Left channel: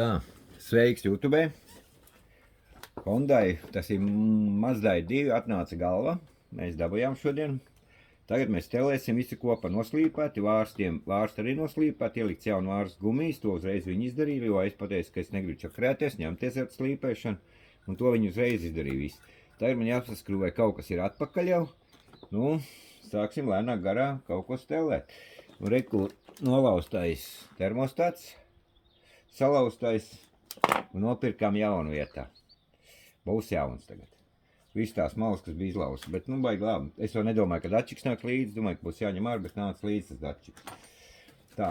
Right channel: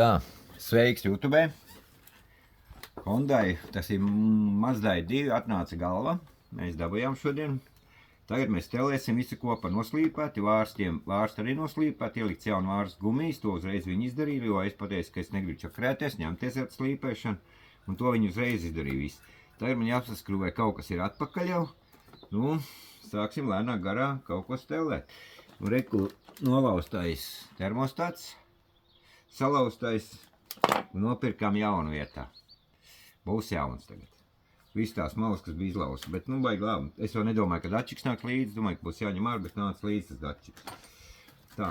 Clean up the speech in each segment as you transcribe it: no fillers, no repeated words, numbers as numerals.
Tā, sveiks YouTube. Hondai, tas ir Mazdai 2, atnāca galva. Mēs dabujām šodien. Tagad mēs telēsim visu kopā noslīpēti, vārsti arī noslīpēti, ielikts jaunu vārstu gumijas, to uzreiz viņi izdarīja, jo es pateicu, ka es negribu čakrēties, ņemties ar slīpēšanu, un to viņi uzreiz izdarīja visu. Tagad man jāpaskrūvē, kaut kas ir atpakaļ jau, nu, sāksim lēnāk garā kaut ko stelēt. Un reku nolaustais termostats, salaustais, un nopirkām jaunu vietā. Būs jauns tagad. Viss tās malas, kas bija izlausas, bet nu baigi labi. Es jau nedomāju, ka dačiks nāk līdzi, domāju, ka būs jāņem ārā, bet nāc līdzi tas dačiks. Tā.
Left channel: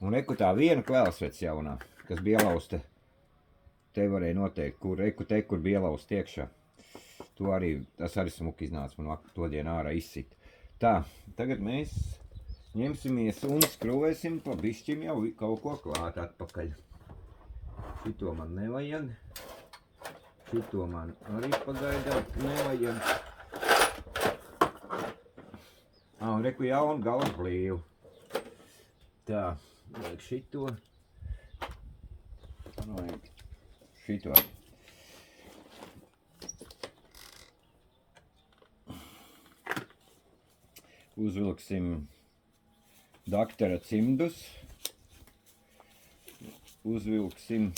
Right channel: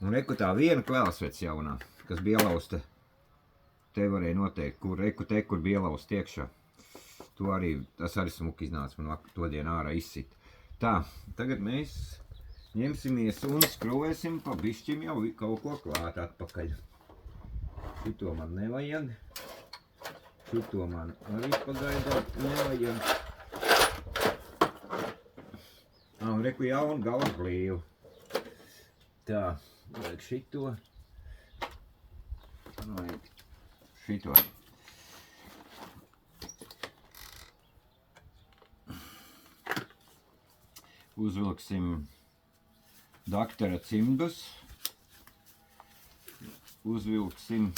Un reku tā viena kvēlsvec jaunā, kas bija ielausta, te varēja noteikt, kur reku te, kur bija ielausta iekšā. To arī, tas arī smuki iznāca, man to dienu ārā izsit. Tā, tagad mēs ņemsimies un skrūvēsim pa bišķim jau kaut ko klāt atpakaļ. Šito man nevajag. Šito man arī pagaidām nevajag. Un reku jaunu galvu blīvu. Tā, vajag šito. Vajag šito. Uzvilksim daktara cimdus. Uzvilksim.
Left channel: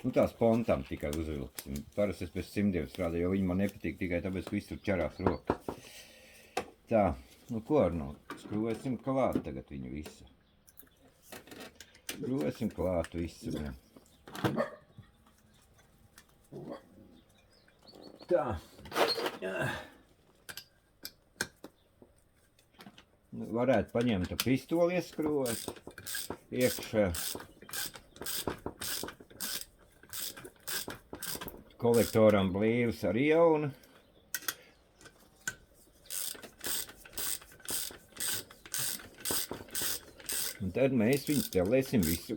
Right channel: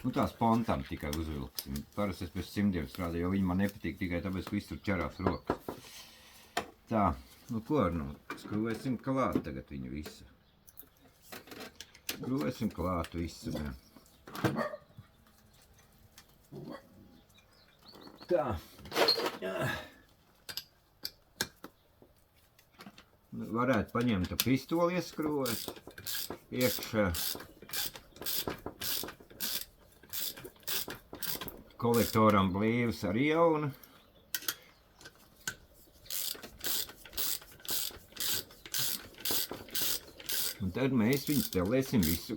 Nu tā spontam tikai uzvilksim. Parasti es pēc cimdiem strādāju, jo viņi man nepatīk tikai tāpēc, ka viss tur ķerās rokas. Tā, nu ko ar no? Skrūvēsim klāt tagad viņu visu. Skrūvēsim klāt visu. Tā. Varētu paņemt pistoli ieskrūvēt iekšā. Kolektoram blīvs arī jauna. Un tad mēs viņus telēsim visu.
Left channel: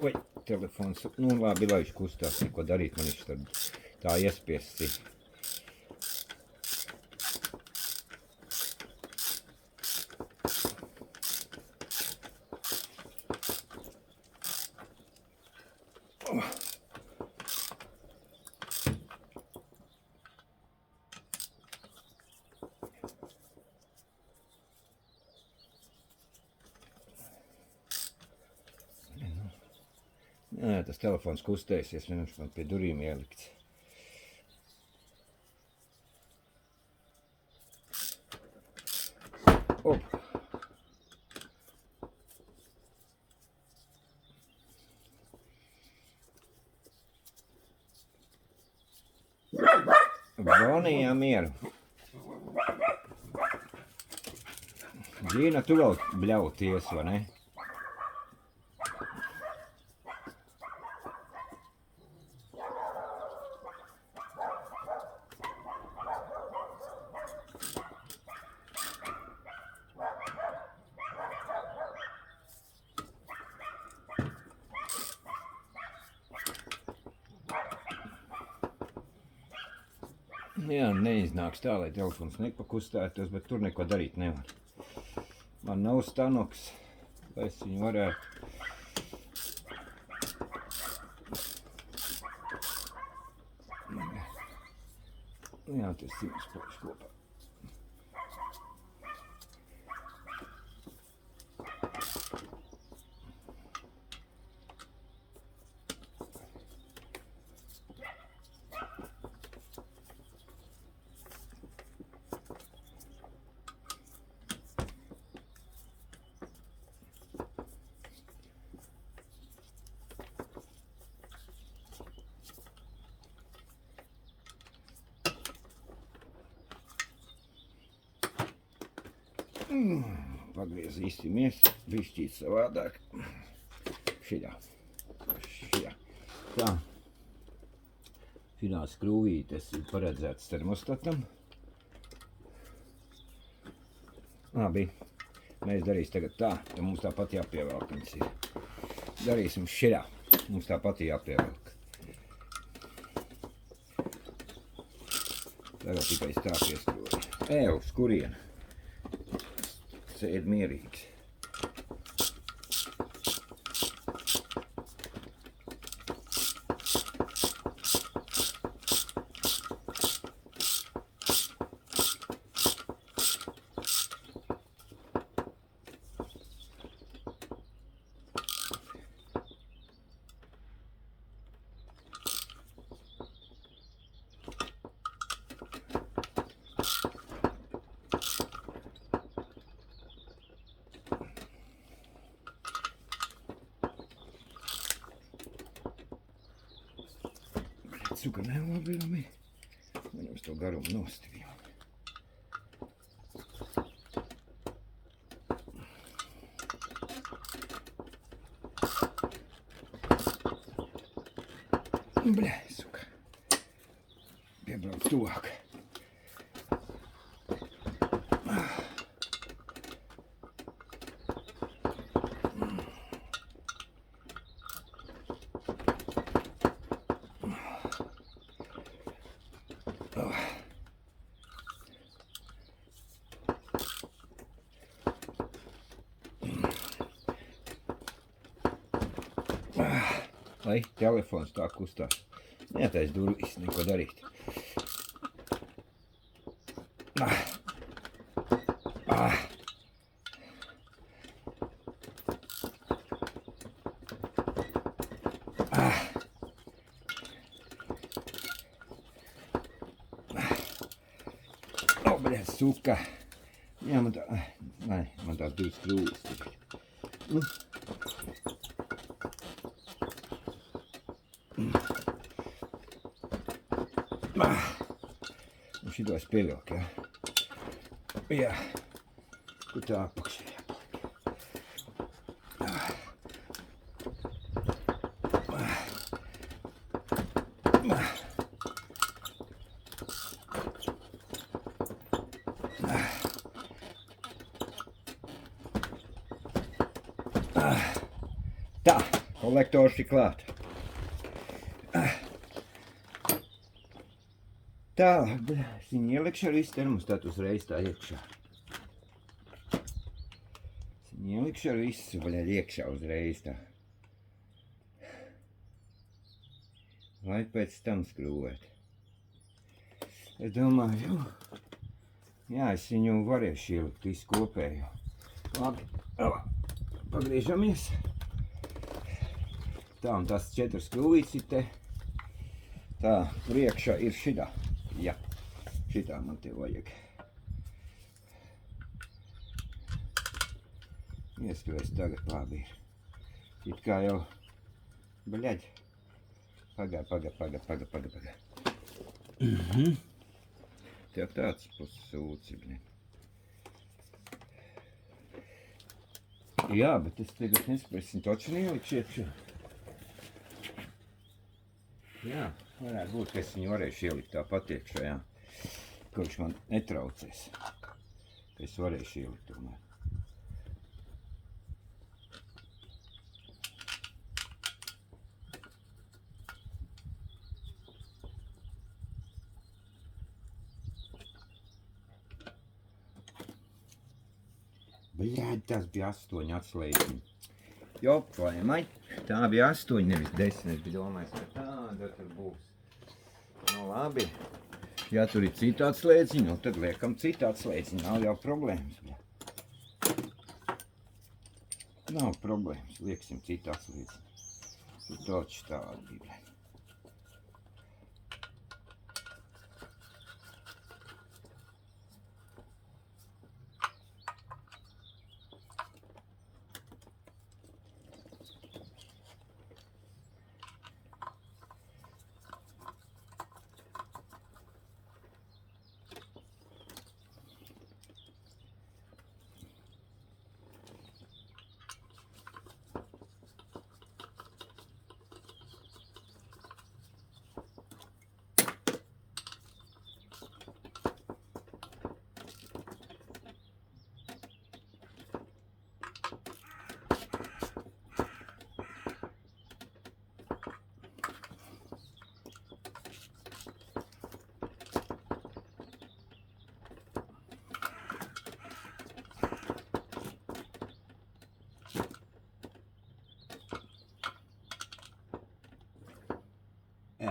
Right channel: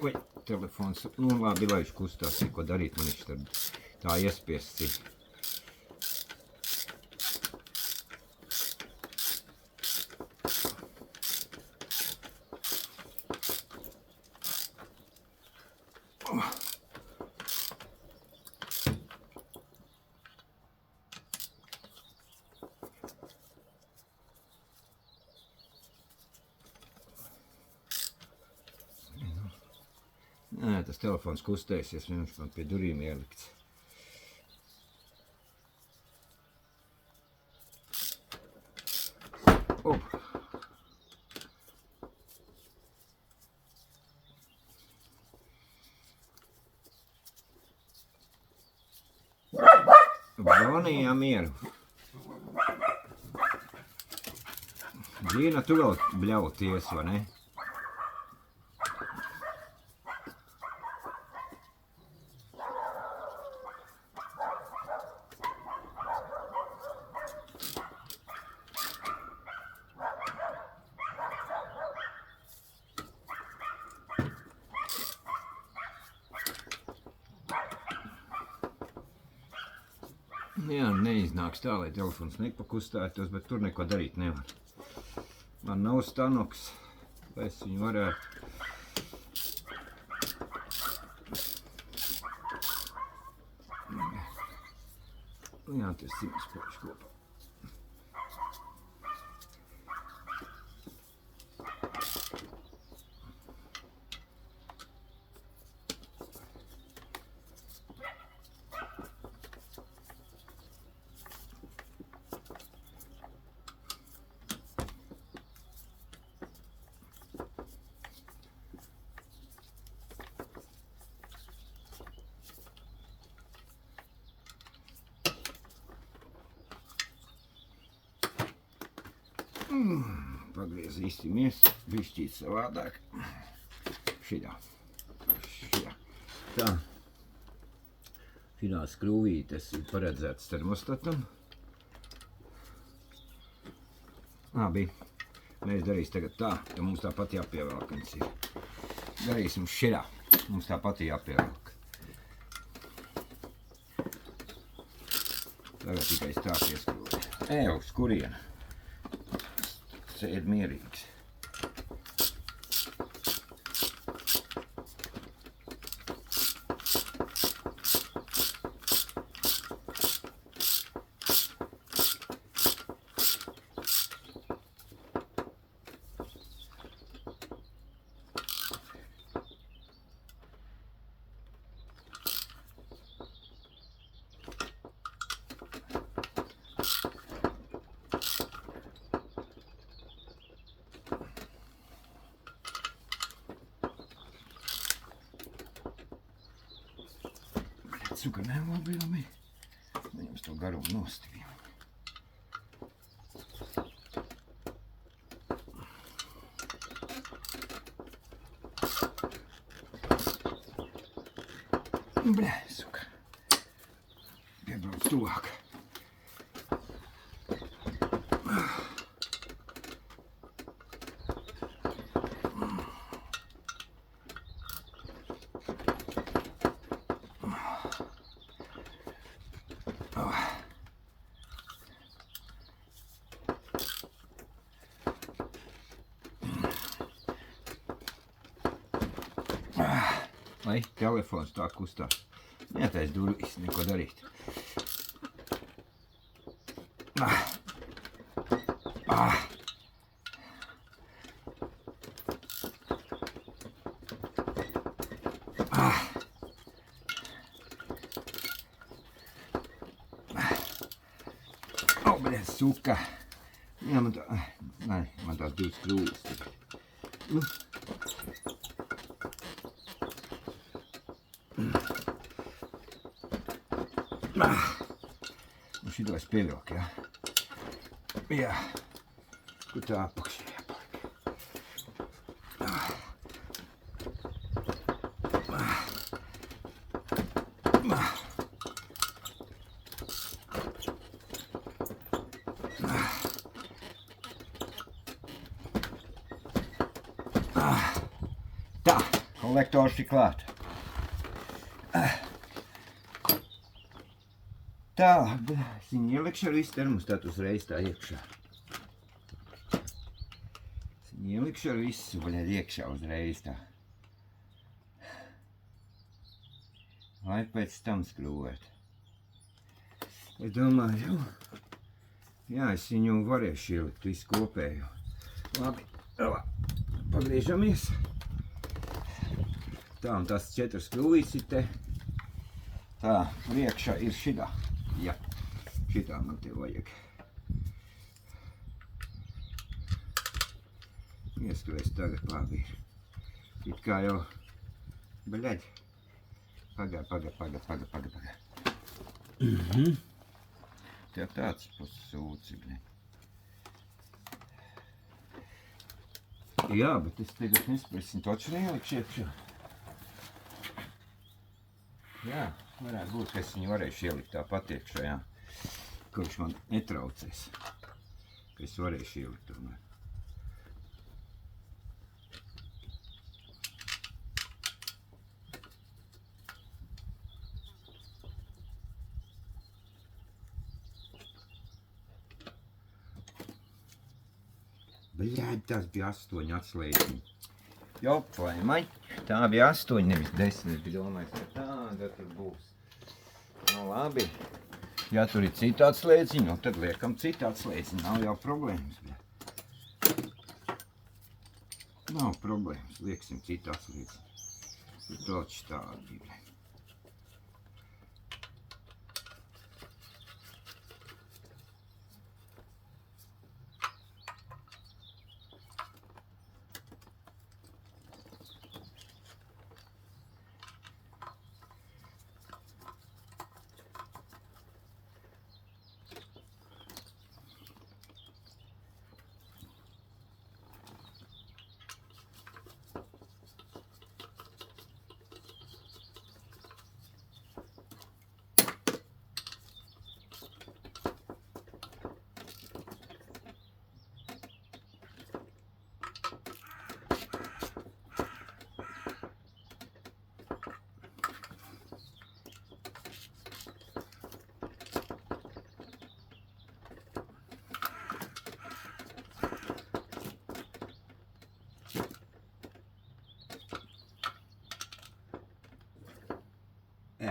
Vai telefons, nu labi, lai viņš kustās, ko darīt, man viņš tad tā iespiests. Nē, tas telefons kustēsies, viņš man pie durīm ielikts. Bonijā mieru. Džīna, tu vēl bļauties, vai ne? Jā, neiznāks tā, lai telefons nepakustētos, bet tur neko darīt nevar. Man nav stanoks, lai es viņu varētu. Jā, tas cimds poši kopā. Pagriezīsimies bišķīt savādāk. Šitā. Tā. Šitā skrūvītes ir paredzēts termostatam. Labi. Mēs darīsim tagad tā, jo mums tāpat jāpievelk viņas ir. Darīsim šitā. Mums tāpat jāpievelk. Tagad tikai tā pieskrūvē. Uz kurienu? Sēd mierīgs. cukuru nelabījumi. Viņam to garumu nostivīju. Bļā, suka. Piebrauc tuvāk. Lai telefons tā kustās. Netais durvis, neko darīt. O, bļēt, suka. Jā, man tā... Nē, man tās divas krūles. Nu šito es pievilku, jā. Jā. Kur tā apakšā jāpaliek. Tā, kolektors ir klāt. Tālāk, es viņu ielikšu ar visu termostatu uzreiz tā iekšā. Es viņu ielikšu ar visu, iekšā uzreiz tā. Lai pēc tam skrūvēt. Es domāju, jā, es viņu varēšu ielikt visu kopēju. Labi, pagriežamies. Tā, un tās 4 skrūvītes ir te. Tā, priekšā ir šitā. Jā, šitā man te vajag. Ieskries tagad labi. It kā jau, bļaļ. Pagā. Tev tāds pasūci, bļaļ. Jā, bet es tagad nesprasim toču neielikšu iekšā. Jā, varētu būt, ka es viņu varēšu ielikt tāpat iekšā, jā. Ka viņš man netraucēs. Ka es varēšu ielikt tomēr. Bļādi, tās bija 8 atslēdziņi. Jop, vai maļ, tā bija 8, nevis 10, es biju domājis, ka tāda tur būs. Nu labi, ja tur ir cita atslēdziņa, nu tad liekam cita atslēdziņa, nav jau problēmas. Nav problēmas, lieksim cita atslēdziņa. Tur toči tādi.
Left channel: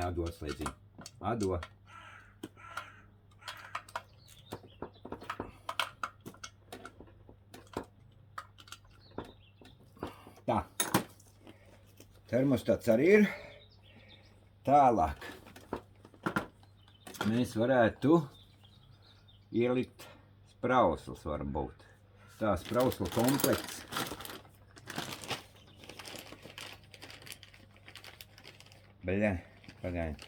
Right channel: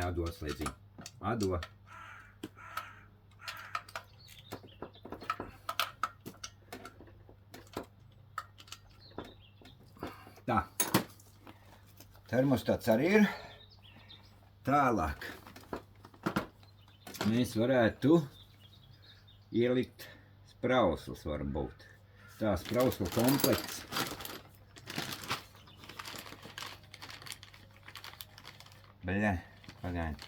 Ado atslēdziņu. Ado. Tā. Termostats arī ir. Tālāk. Mēs varētu ielikt sprauslas varbūt. Tā sprauslu komplekts. Bļā. Pagaidi.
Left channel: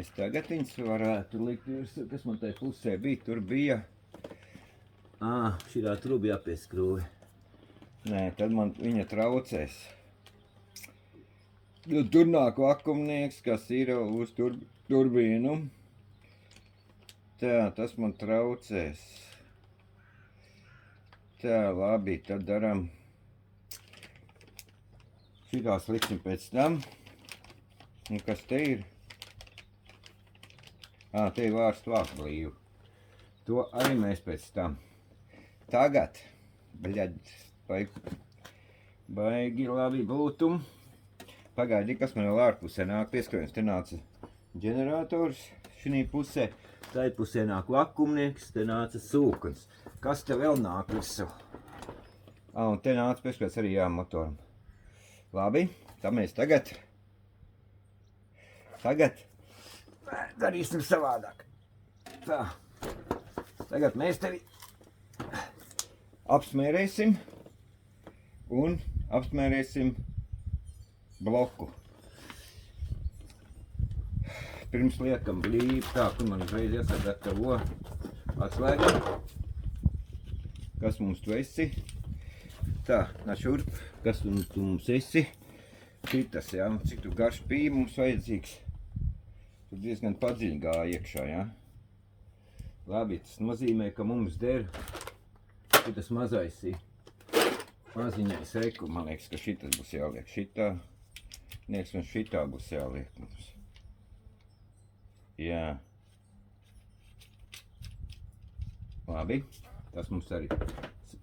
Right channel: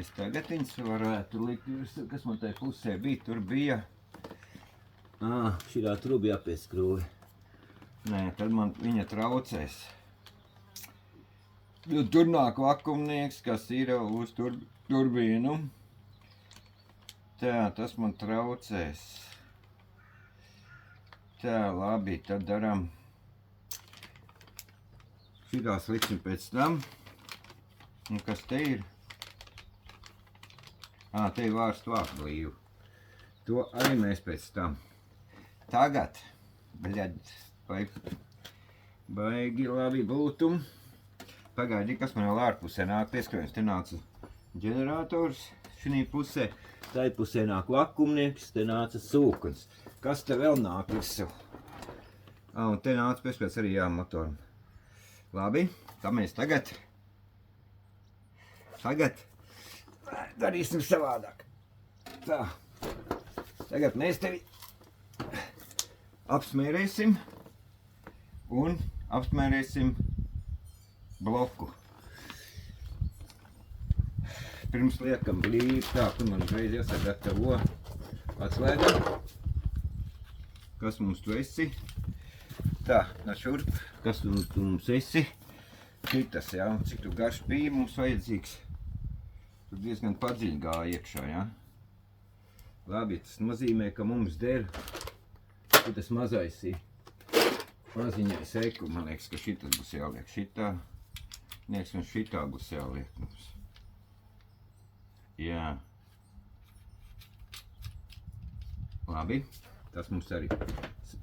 Es tagad viņus varētu likt virsū, kas man tajā pusē bija, tur bija. Šitā tur bija jāpieskrūvi. Nē, tad man viņa traucēs. Tur nāk vakumnieks, kas ir uz turbīnu. Tā, tas man traucēs. Tā, labi, tad daram. Šitās liksim pēc tam. Un kas te ir? Te ir vārstu vākblīvu. To arī mēs pēc tam. Tagad, baigi labi būtu. Pagaidi, kas man vēl ārpusē nāk pieskrējums. Te nāca ģenerators šī pusē. Tai pusē nāk vakumnieks, te nāca sūknis. Kas te vēl nāk visu? Un te nāca pieskrējums arī motoram. Labi, tā mēs tagad darīsim savādāk. Tā, tagad mēs tevi apsmērēsim un apsmērēsim bloku. Pirms liekam blīvi, tā, tu man uzreiz jāsagatavo atslēgam. Kas mums tu esi? Tā, šurp, kas tu mums esi? Šitas, jā, cik tu garš bija mums vajadzīgs. Tur diezgan padziļi gāja iekšā, jā. Labi, tas nozīmē, ka mums der šitas mazais ir maziņais eku. Man liekas, ka šitas būs jāliek šitā. Liekas, un šitā būs jāliek mums. Jā. Labi, tas mums arī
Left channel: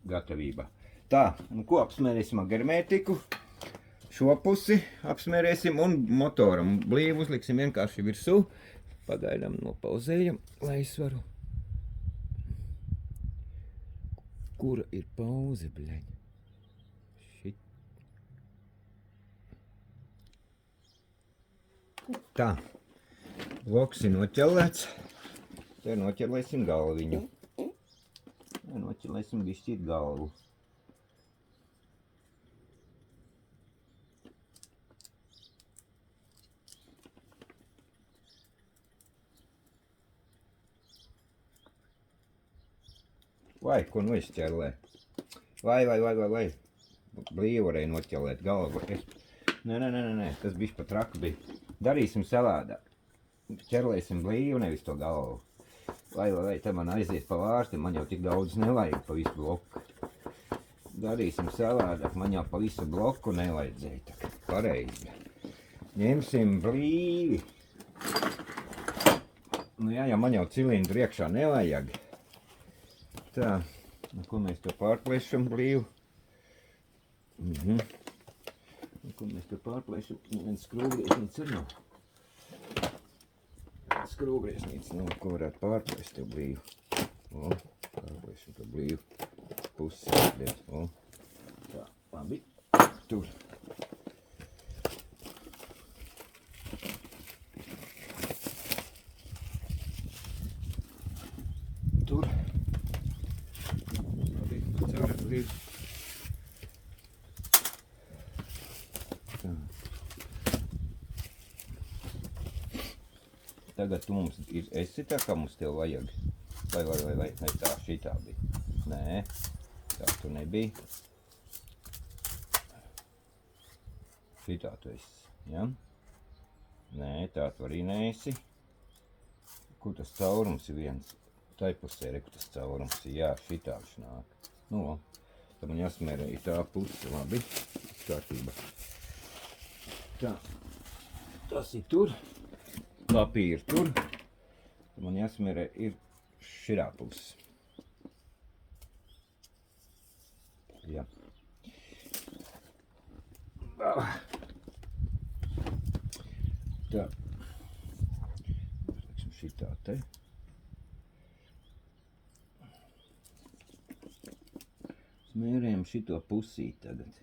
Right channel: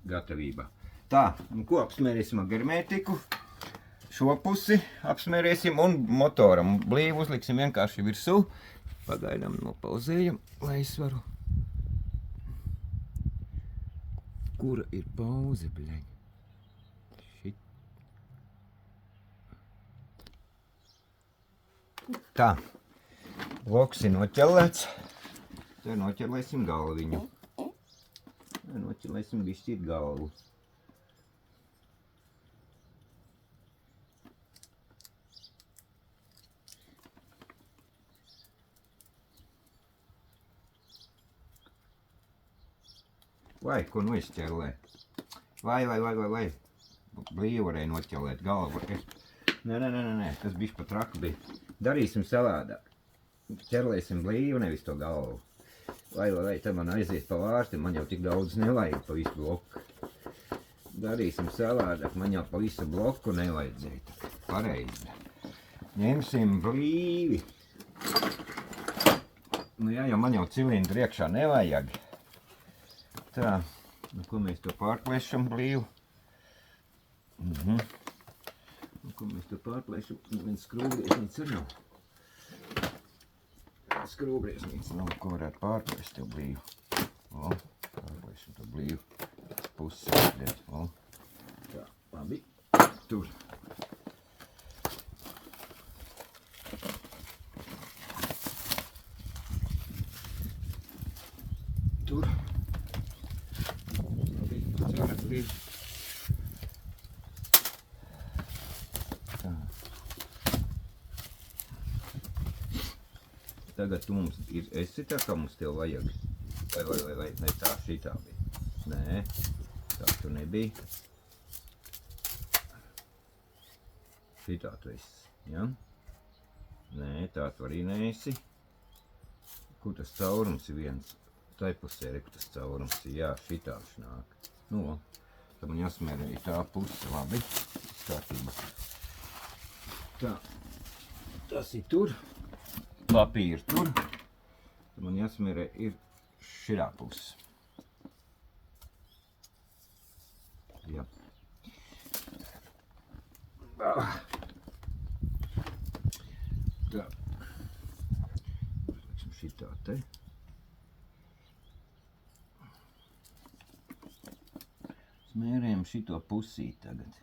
gatavībā. Tā, un ko apsmērēsim ar hermētiku? Šo pusi apsmērēsim un motoram blīvu uzliksim vienkārši virsū. Pagaidām nopauzējam, lai es varu. Kura ir pauze, bļaļ? Tā, bloks ir noķelēts. Te noķelēsim galviņu. Noķelēsim bišķīt galvu. Vai, ko nu izķerlē? Vai. Blīvi varēja noķelēt galvu. Nē, tas bišķi pat raka bija. Darīsim savādāk. Ķerlēsim blīvi, nevis to galvu. Vai, te man aiziet pa vārsti, man jau tik daudz nevajag pa visu bloku. Darīsim savādāk, man jau pa visu bloku nevajadzēja. Pareizi. Ņemsim blīvi. Nu jā, man jau cilindru iekšā nevajag. Tā, ko mēs to pārplēšam blīvu? Ko mēs to pārplēšam? Viens skrūvgriezniec ir nav. Skrūvgriezniec nav, ko varētu pārplēst to blīvu. Pārplēšam to blīvu pusi. Tā, labi. Tur. Tur. Tagad tu mums esi tā, kā mums tev vajag. Vai tā šitā bija? Nē, tā tu nebija. Šitā tu esi, ja? Nē, tā tu arī neesi. Kur tas caurums ir viens? Tai pusē reku tas caurums ir, jā, šitā viņš nāk. Nu, tad man jāsmērē ir tā puse, labi, kārtība. Tā, tas ir tur, papīri tur, tad man jāsmērē ir širā puse. Jā. Tā, uzliksim šitā te. Smērējam šito pusīt tagad.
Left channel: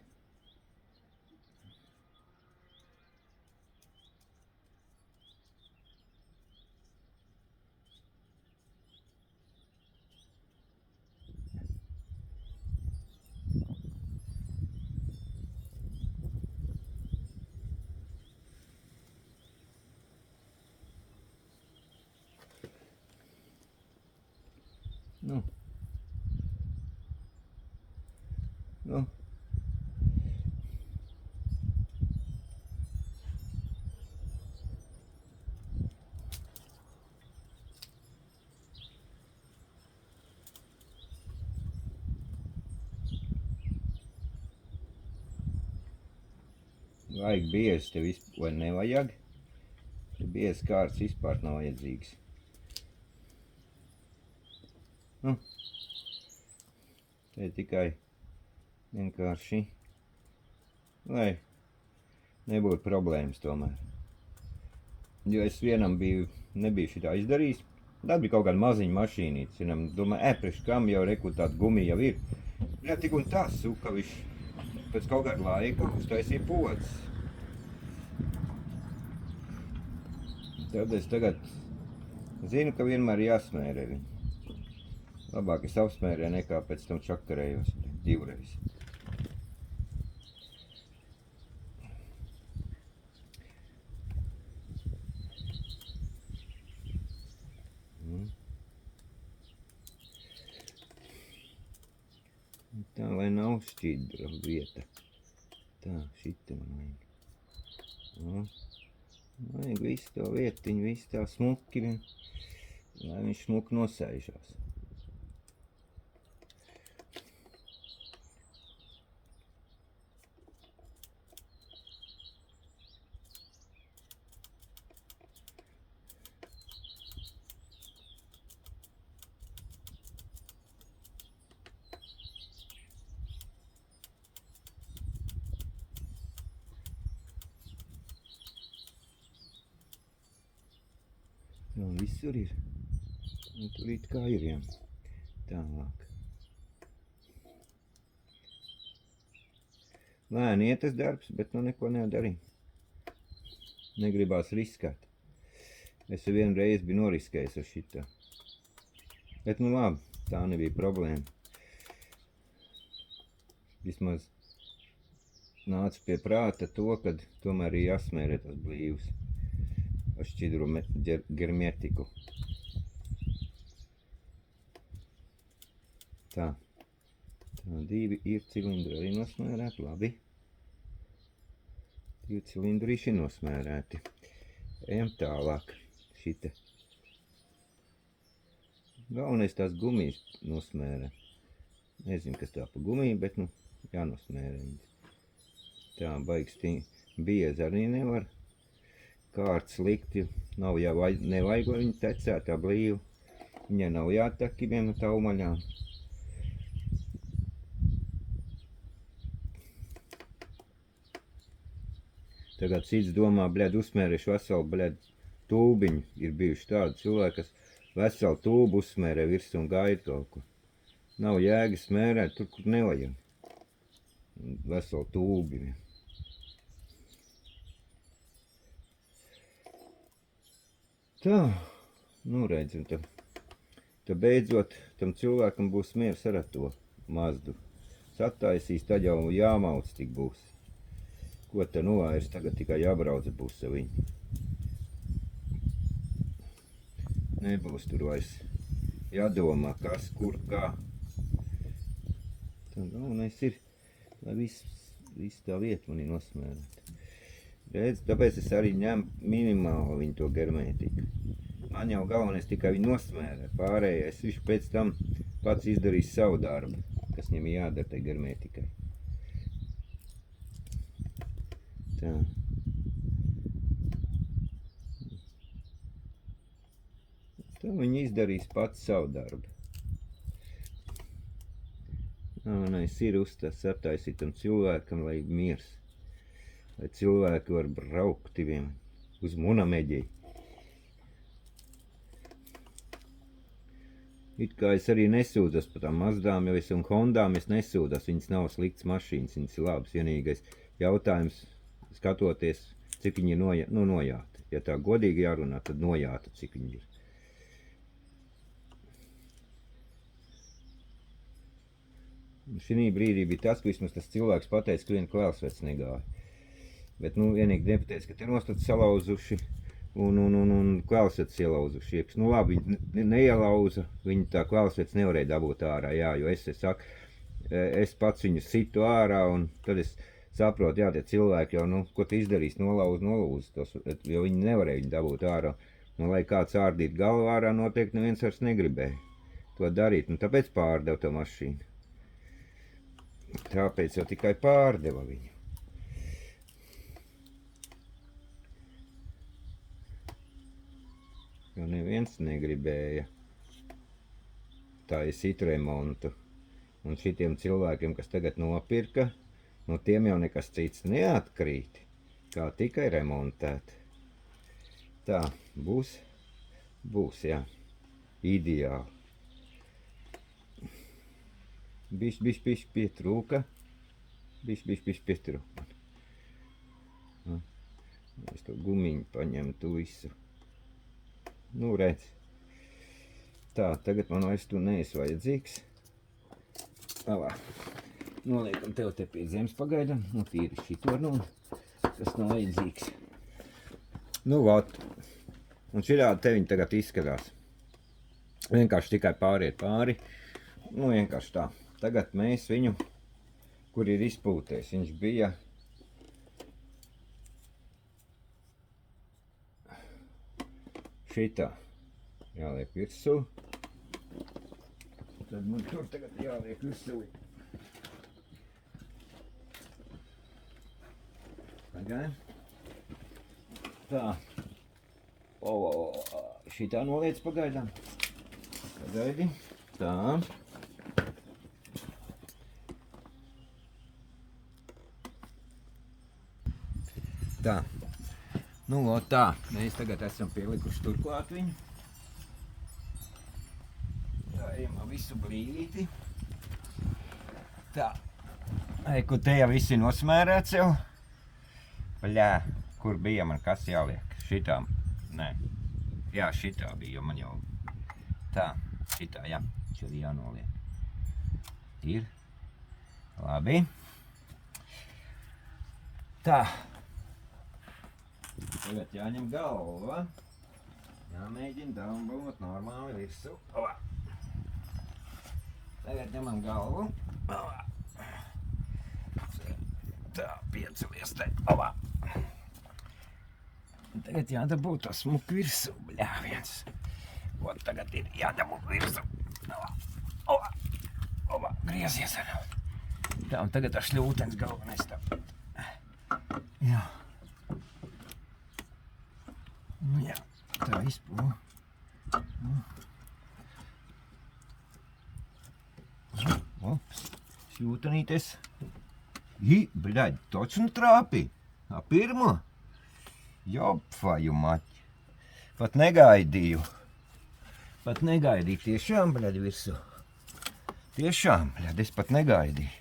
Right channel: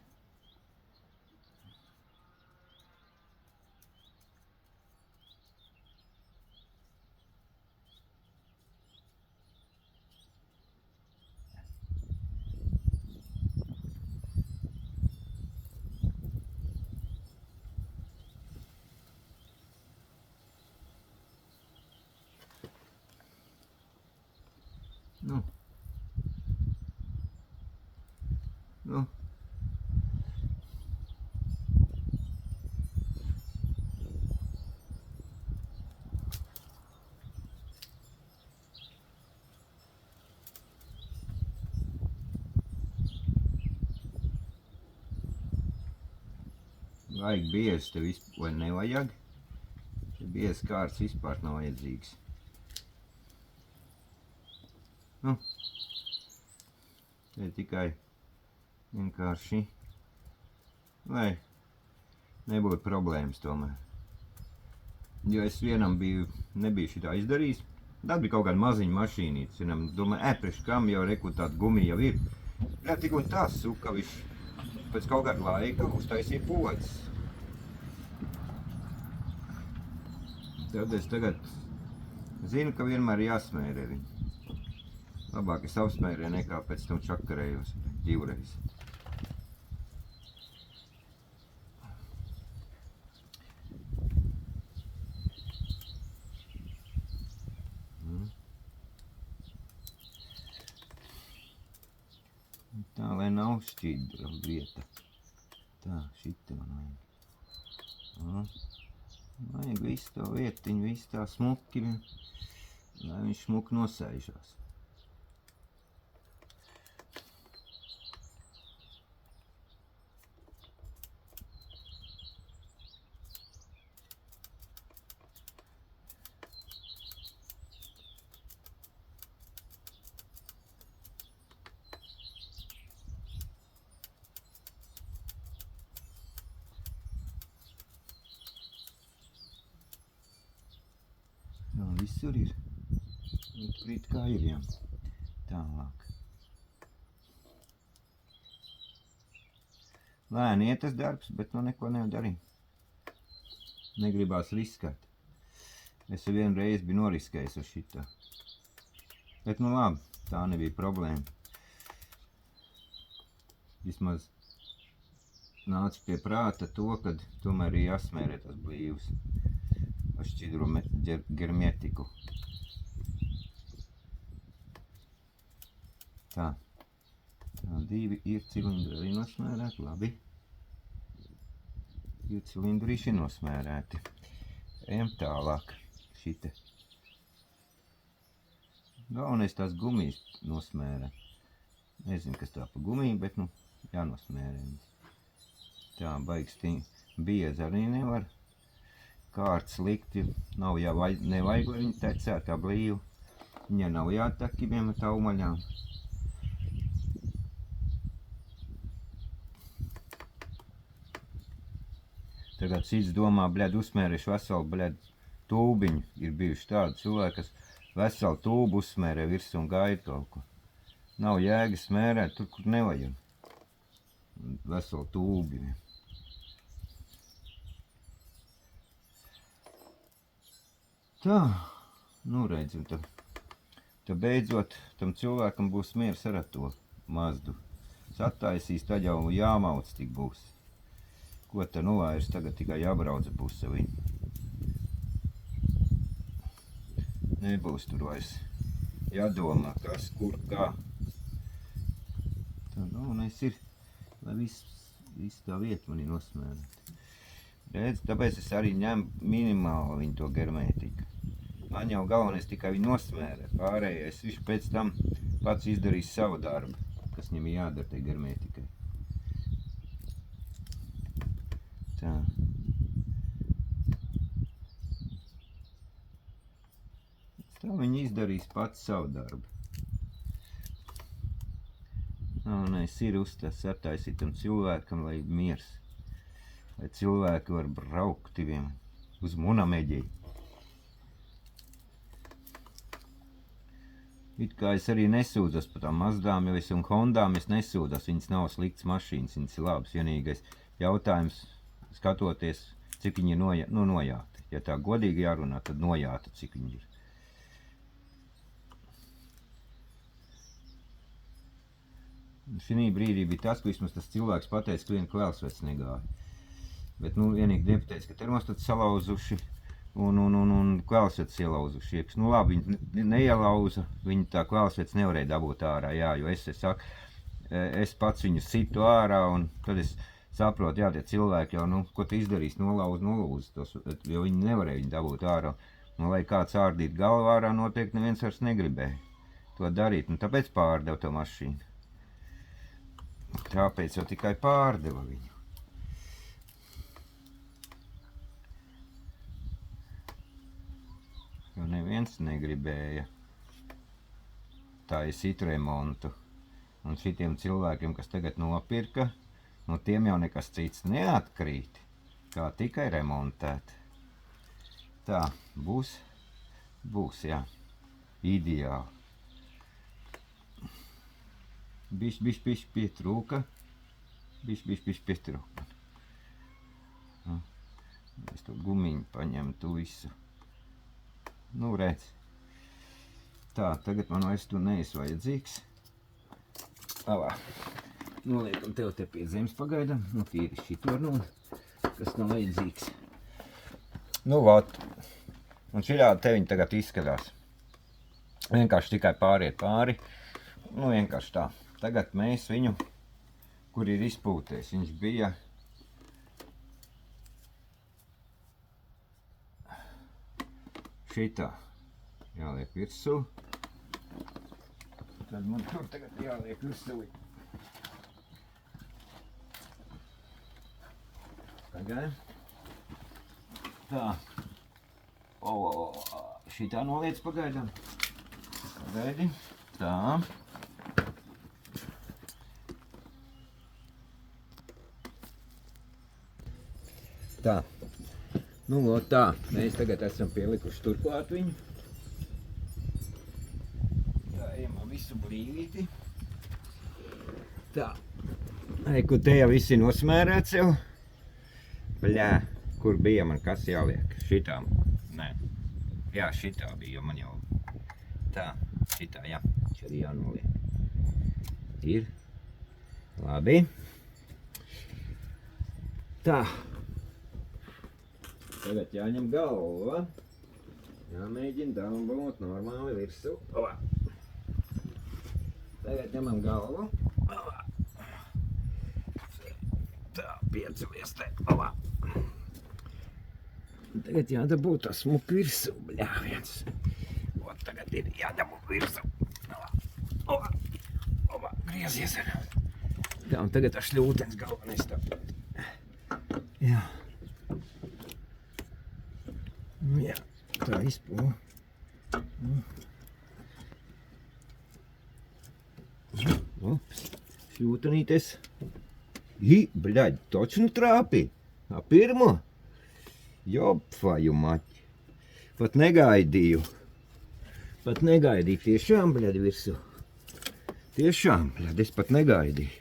vajag biezi te vai nevajag. Te biezi kārts vispār nav vajadzīgs. Nu, te tikai vienkārši, lai nebūtu problēmas tomēr. Jo es vienam nebiju šitā izdarījis. Tad bija kaut kāda maziņa mašīnītes. Vienam domāju, priekš kam jau reku tāda gumija jau ir. Jā, tik un tā suka viņš pēc kaut kāda laika uztaisīja podas. Tad es tagad zinu, ka vienmēr jāsmērē viņu. Labāk es apsmērē nekā pēc tam čakarējos divreiz. Tā, lai nav šķidra vieta. Tā, šita man vajag. Vajag visu to vietiņu, visu tā smuki, lai viņš smuki nosēžās. Jā, visur ir. Un tur it kā ir, jā. Tālāk. Lēni iet tas darbs, bet nu neko nedarīju. Negribās riskēt. Es vienu reizi biju noriskējis ar šitā. Bet nu labi, tā nebija problēma. Vismaz nāca pie prāta to, kad tomēr ir jāsmērē tas blīvs. Ar šķidru germētiku. Tā. Tā, 2 ir cilindri arī nosmērēti, labi. 2 cilindri ir nosmērēti. Ejam tālāk. Šite. Galvenais tās gumijas nosmērē. Nezinu, kas tā pa gumiju, bet nu jānosmērē viņas. Tā, baigi biezi arī nevar. Kārts likti, nav nevajag, lai viņi tecētā blīvu. Viņai nav jātek ibiem taumaļām. Tagad cits domā, bļed, uzsmērēšu veselu, tūbiņu. Ir bijuši tādi cilvēki, kas veselu tūbu uzsmērē virsū un gaida kaut ko. Nav jēga smērēt tur, kur nevajag. Veselu tūbi. Tā, nu redzam, tad beidzot tam cilvēkam būs miers ar to Mazdu. Sataisīs, tad jau jāmauc tik būs. Ko te nu vairs tagad tikai jābrauc būs ar viņu. Nebūs tur vairs jādomā, kas, kur, kā. Tā galvenais ir, lai viss tā vieta man ir nosmērēta. Redz, tāpēc es arī ņemu minimāli viņu to germētiku. Man jau galvenais tikai viņu nosmērē. Pārējais viņš pēc tam pats izdarīs savu darbu, kas viņam ir jādara tai germētikai. Tā. Tā viņi izdarīs pats savu darbu. Galvenais ir sataisīt tam cilvēkam, lai miers. Lai cilvēki var braukt uz Munameģi. It kā es arī nesūdzos par tām Mazdām, jo es un Hondām es nesūdzos, viņas nav sliktas mašīnas, viņas ir labas. Vienīgais jautājums, skatoties, cik viņi ir nojāti. Ja tā godīgi jārunā, tad nojāta, cik viņi ir. Šī brīdī bija tas, ka vismaz tas cilvēks pateica, ka viena kvēlsvets negāja. Bet nu vienīgi nepateica, ka termostats salauzuši un kvēlsvets ielauzuši iekš. Nu labi, viņi neielauza, viņi tā kvēlsvets nevarēja dabūt ārā, jā, jo es pats viņu situ ārā un tad es saprotu, jā, tie cilvēki jau, nu, ko te izdarīs, nolūz tos, jo viņi nevarēja viņu dabūt ārā. Un lai kāds ārdīt galvu ārā, noteikti neviens vairs negribēja to darīt, un tāpēc pārdeva to mašīnu. Tāpēc jau tikai pārdeva viņu. jo neviens negribēja taisīt remontu. Un šitiem cilvēkiem, kas tagad nopirka, no tiem jau nekas cits neatkrīt, kā tikai remontēt. Tā, būs, jā, ideāli. Bišķi pietrūka. Bišķi pietrūka. Es to gumiņu paņemtu visu. Nu, redz. Tā, tagad man vairs tu neesi vajadzīgs. Avā. Noliekam tev te pie zemes pagaidam. Nu, tīri šito nu, kas nav vajadzīgs. Nu, vot. Un šitā te viņi tagad izskatās. Vienkārši tikai pāriet pāri. Nu, vienkārši tā. Tagad mēs viņu, kur ir izpūtējis, viņš bija šitā jāliek virsū. Tad man tur tagad jāliek virsū. Pagaid. Tā. Šitā noliec pagaidām. Pagaidi. Tā. Tā. Nu, tā. Mēs tagad esam pielikuši turklāt viņu. Tā, ejam visu blīvīti. Tā. Kur te jau viss ir nosmērēts jau. Bļā, kur bija man kas jāliek? Šitā. Nē. Jā, šitā bija, jo man jau. Tā, šitā, jā. Šeit arī jānoliek. Ir. Labi. Tā. Tagad jāņem galva. Jāmēģina download normāli virsū. Tagad ņemam galvu. Tā, piecelies te. Tagad jādabū tā smuku virsū. Bļā, viens. Ot, tagad ir jādabū virsū. Griezies. Tā, un tagad ar šļūtens galvenais tā. Jā. Nu jā, tā izpū. Ops, šļūtenītes. Bļaļ, točnu trāpi. Pirmo? Jopfaju maķi. Pat negaidīju. Tiešām, bļaļ, virsū. Tiešām, bļaļ, es pat negaidīju.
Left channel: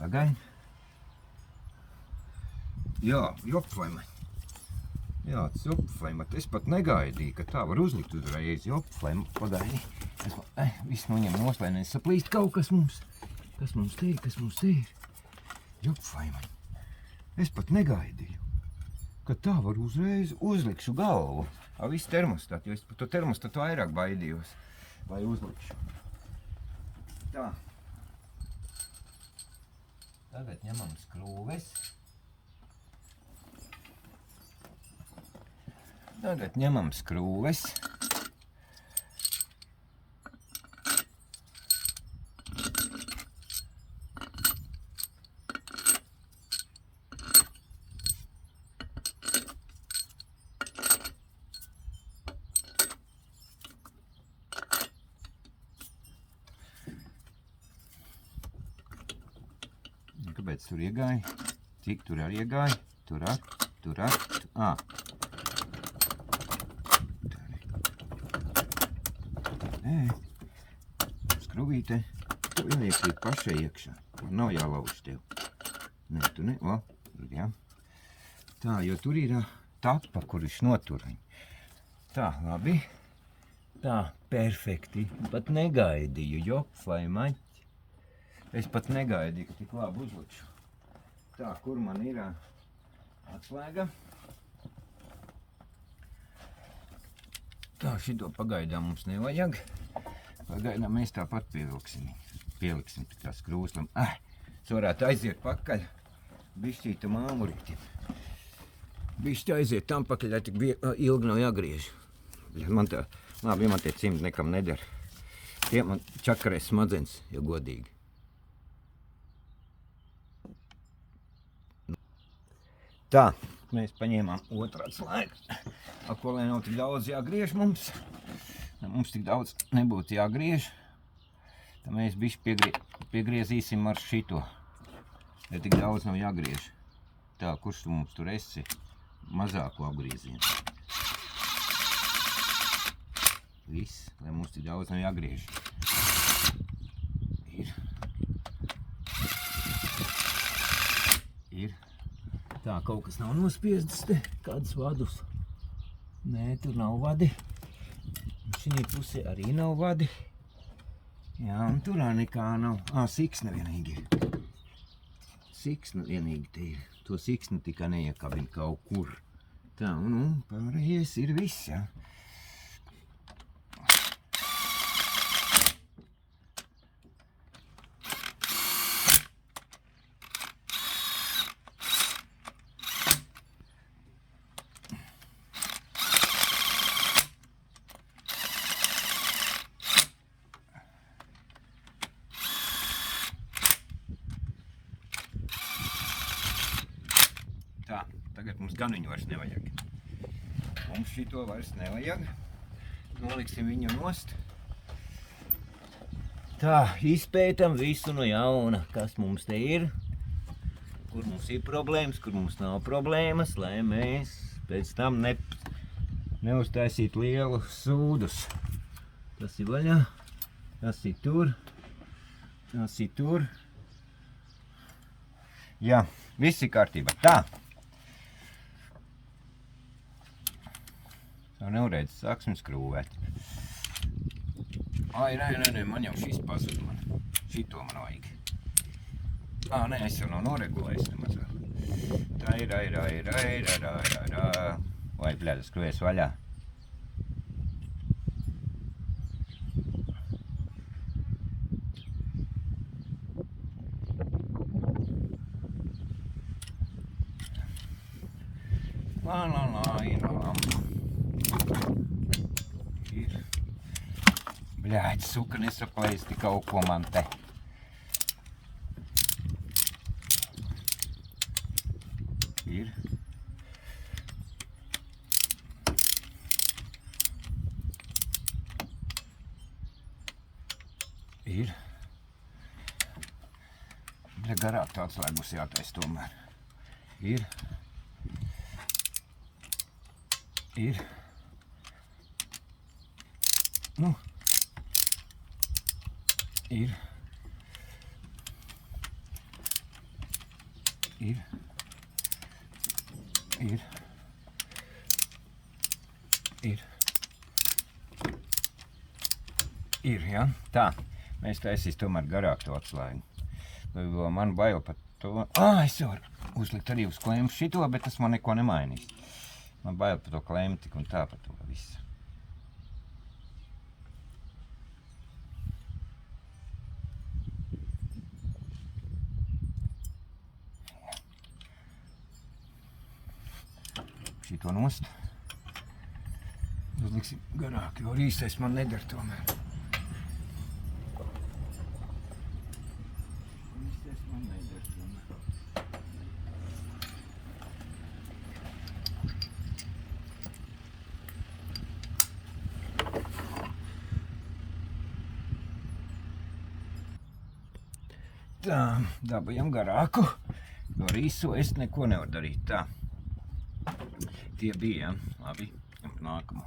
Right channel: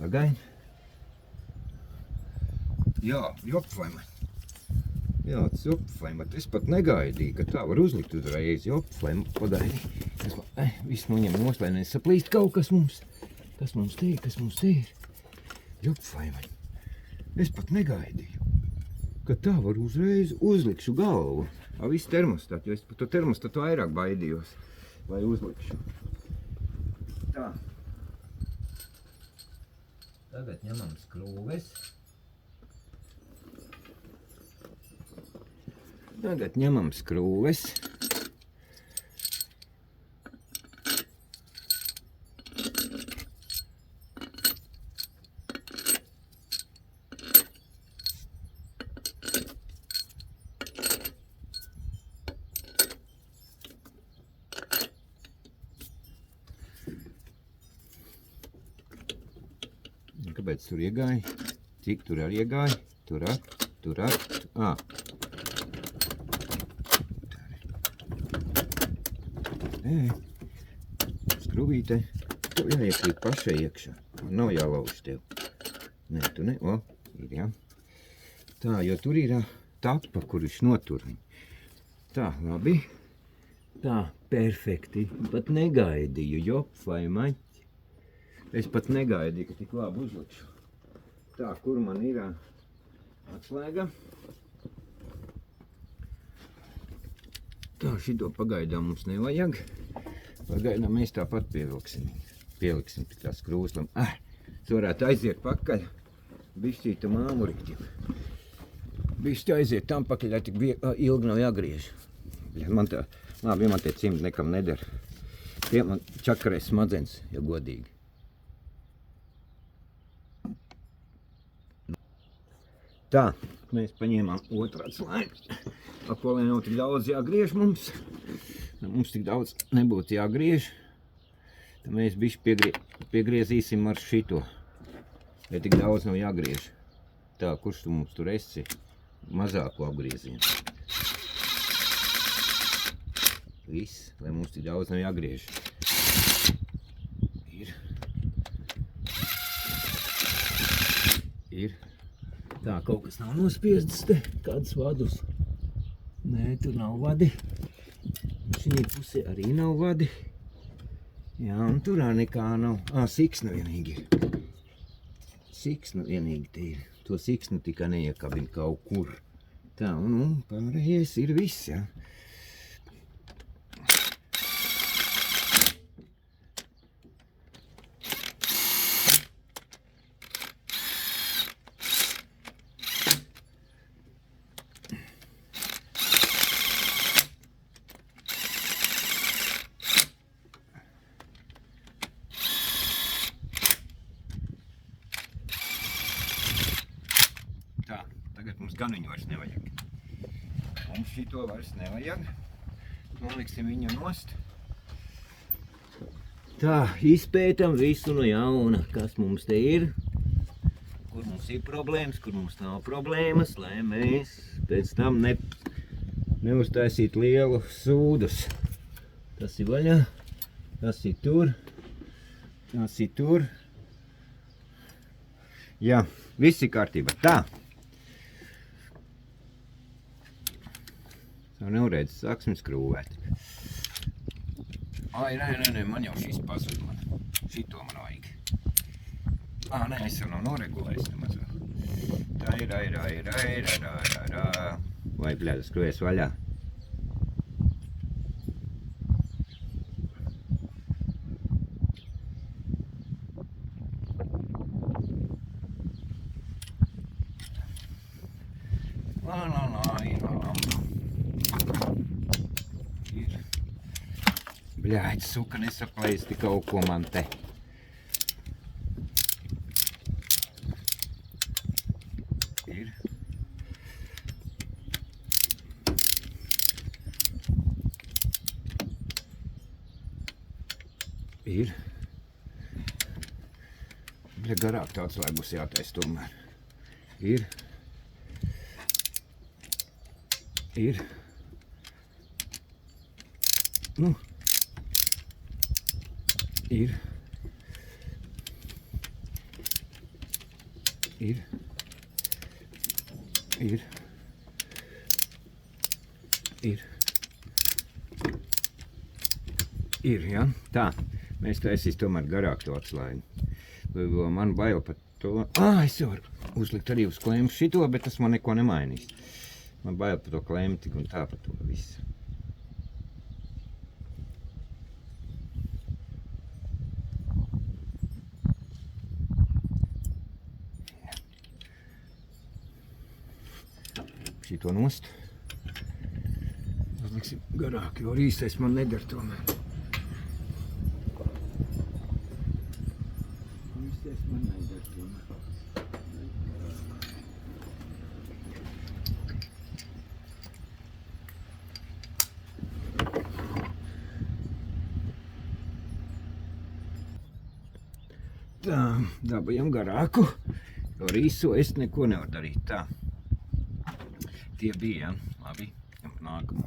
Pagaid. Jā, jopfaju maķi. Jā, tas jopfaimat. Es pat negaidīju, ka tā var uzlikt uzreiz. Jopfaimat, pagaidi. Viss noņem nos, lai nesaplīst kaut kas mums. Kas mums te ir? Jopfaimat. Es pat negaidīju, ka tā var uzreiz uzlikšu galvu. Viss termostat, jo es par to termostatu vairāk baidījos, lai uzlikšu. Tā. Tagad ņemam skrūves. Tagad ņemam skrūves. Kāpēc tur iegāja? Cik tur arī iegāja? Tur. Skruvīte. Tev jāiekrīt pašai iekšā. Nav jālauž tev. Nē, tu ne. Ir, jā. Tā, jo tur ir tapa, kur viņš notur viņu. Tā, labi. Tā, perfekti. Pat negaidīju, jopfai maķi. Es pat negaidīju, ka tik labi uzlikšu. Tā, kur man ir atslēga. Tā, šito pagaidām mums nevajag. Pagaidām mēs tāpat pieliksim tik tā skrūslam. Es varētu aiziet pakaļ. Bišķītu māmurīti. Bišķi aiziet tam pakaļ, lai tik ilgi nav jāgriež. Man tā, labi, man tie cimdi nekam neder. Tie man čakarēs smadzenes, ja godīgi. Tā, mēs paņēmām otru atslēgu. pa ko lai nav tik daudz jāgriež mums. Mums tik daudz nebūtu jāgriež. Tad mēs bišķi piegriezīsim ar šito. Ja tik daudz nav jāgriež. Tā, kurš tu mums tur esi? Mazāko apgriezienu. Viss, lai mums tik daudz nav jāgriež. Ir. Tā, kaut kas nav nospiestas te, kādas vadus. Nē, tur nav vadi. Šī pusē arī nav vadi. Jā, un turā nekā nav. Siksna vienīgi. Siksna vienīgi te ir. To siksnu tikai neiekabina kaut kur. Tā, un pārējais ir viss, jā. Tā, tagad mums gan viņu vairs nevajag. Mums šito vairs nevajag. Noliksim viņu nost. Tā, izpētam visu no jauna, kas mums te ir. Kur mums ir problēmas, kur mums nav problēmas, lai mēs pēc tam neuztaisītu lielu sūdus. Tas ir vaļā, tas ir tur, tas ir tur. Jā, viss ir kārtībā. Tā. Tā nevarēdz sāksim skrūvēt. Ai, nē, man jau šis pazud man. Šito man vajag. Nē, es jau nav noregulējis nemaz vēl. Tā ir. Vai, bļāda, skrūvies vaļā. Bļāģi, suka, nesapaisti kaut ko man te. Ir. Ir. Bļa, garāk tāds, lai būs jātais tomēr. Ir. Ir. Nu. Ir. Ir. Ir. Ir. Ir, jā? Tā. Mēs taisīs tomēr garāk to atslēgu. Man bail par to. Es varu uzlikt arī uz klempu šito, bet tas man neko nemainīs. Man bail par to klempu tik un tā par to visu. Šito nost. Uzliksim garāk, jo īstais man nedara tomēr. Īstais man nedara tomēr. Tā, dabujam garāku. No rīso es neko nevaru darīt. Tā. Tie bija, ja? Labi, nākamo.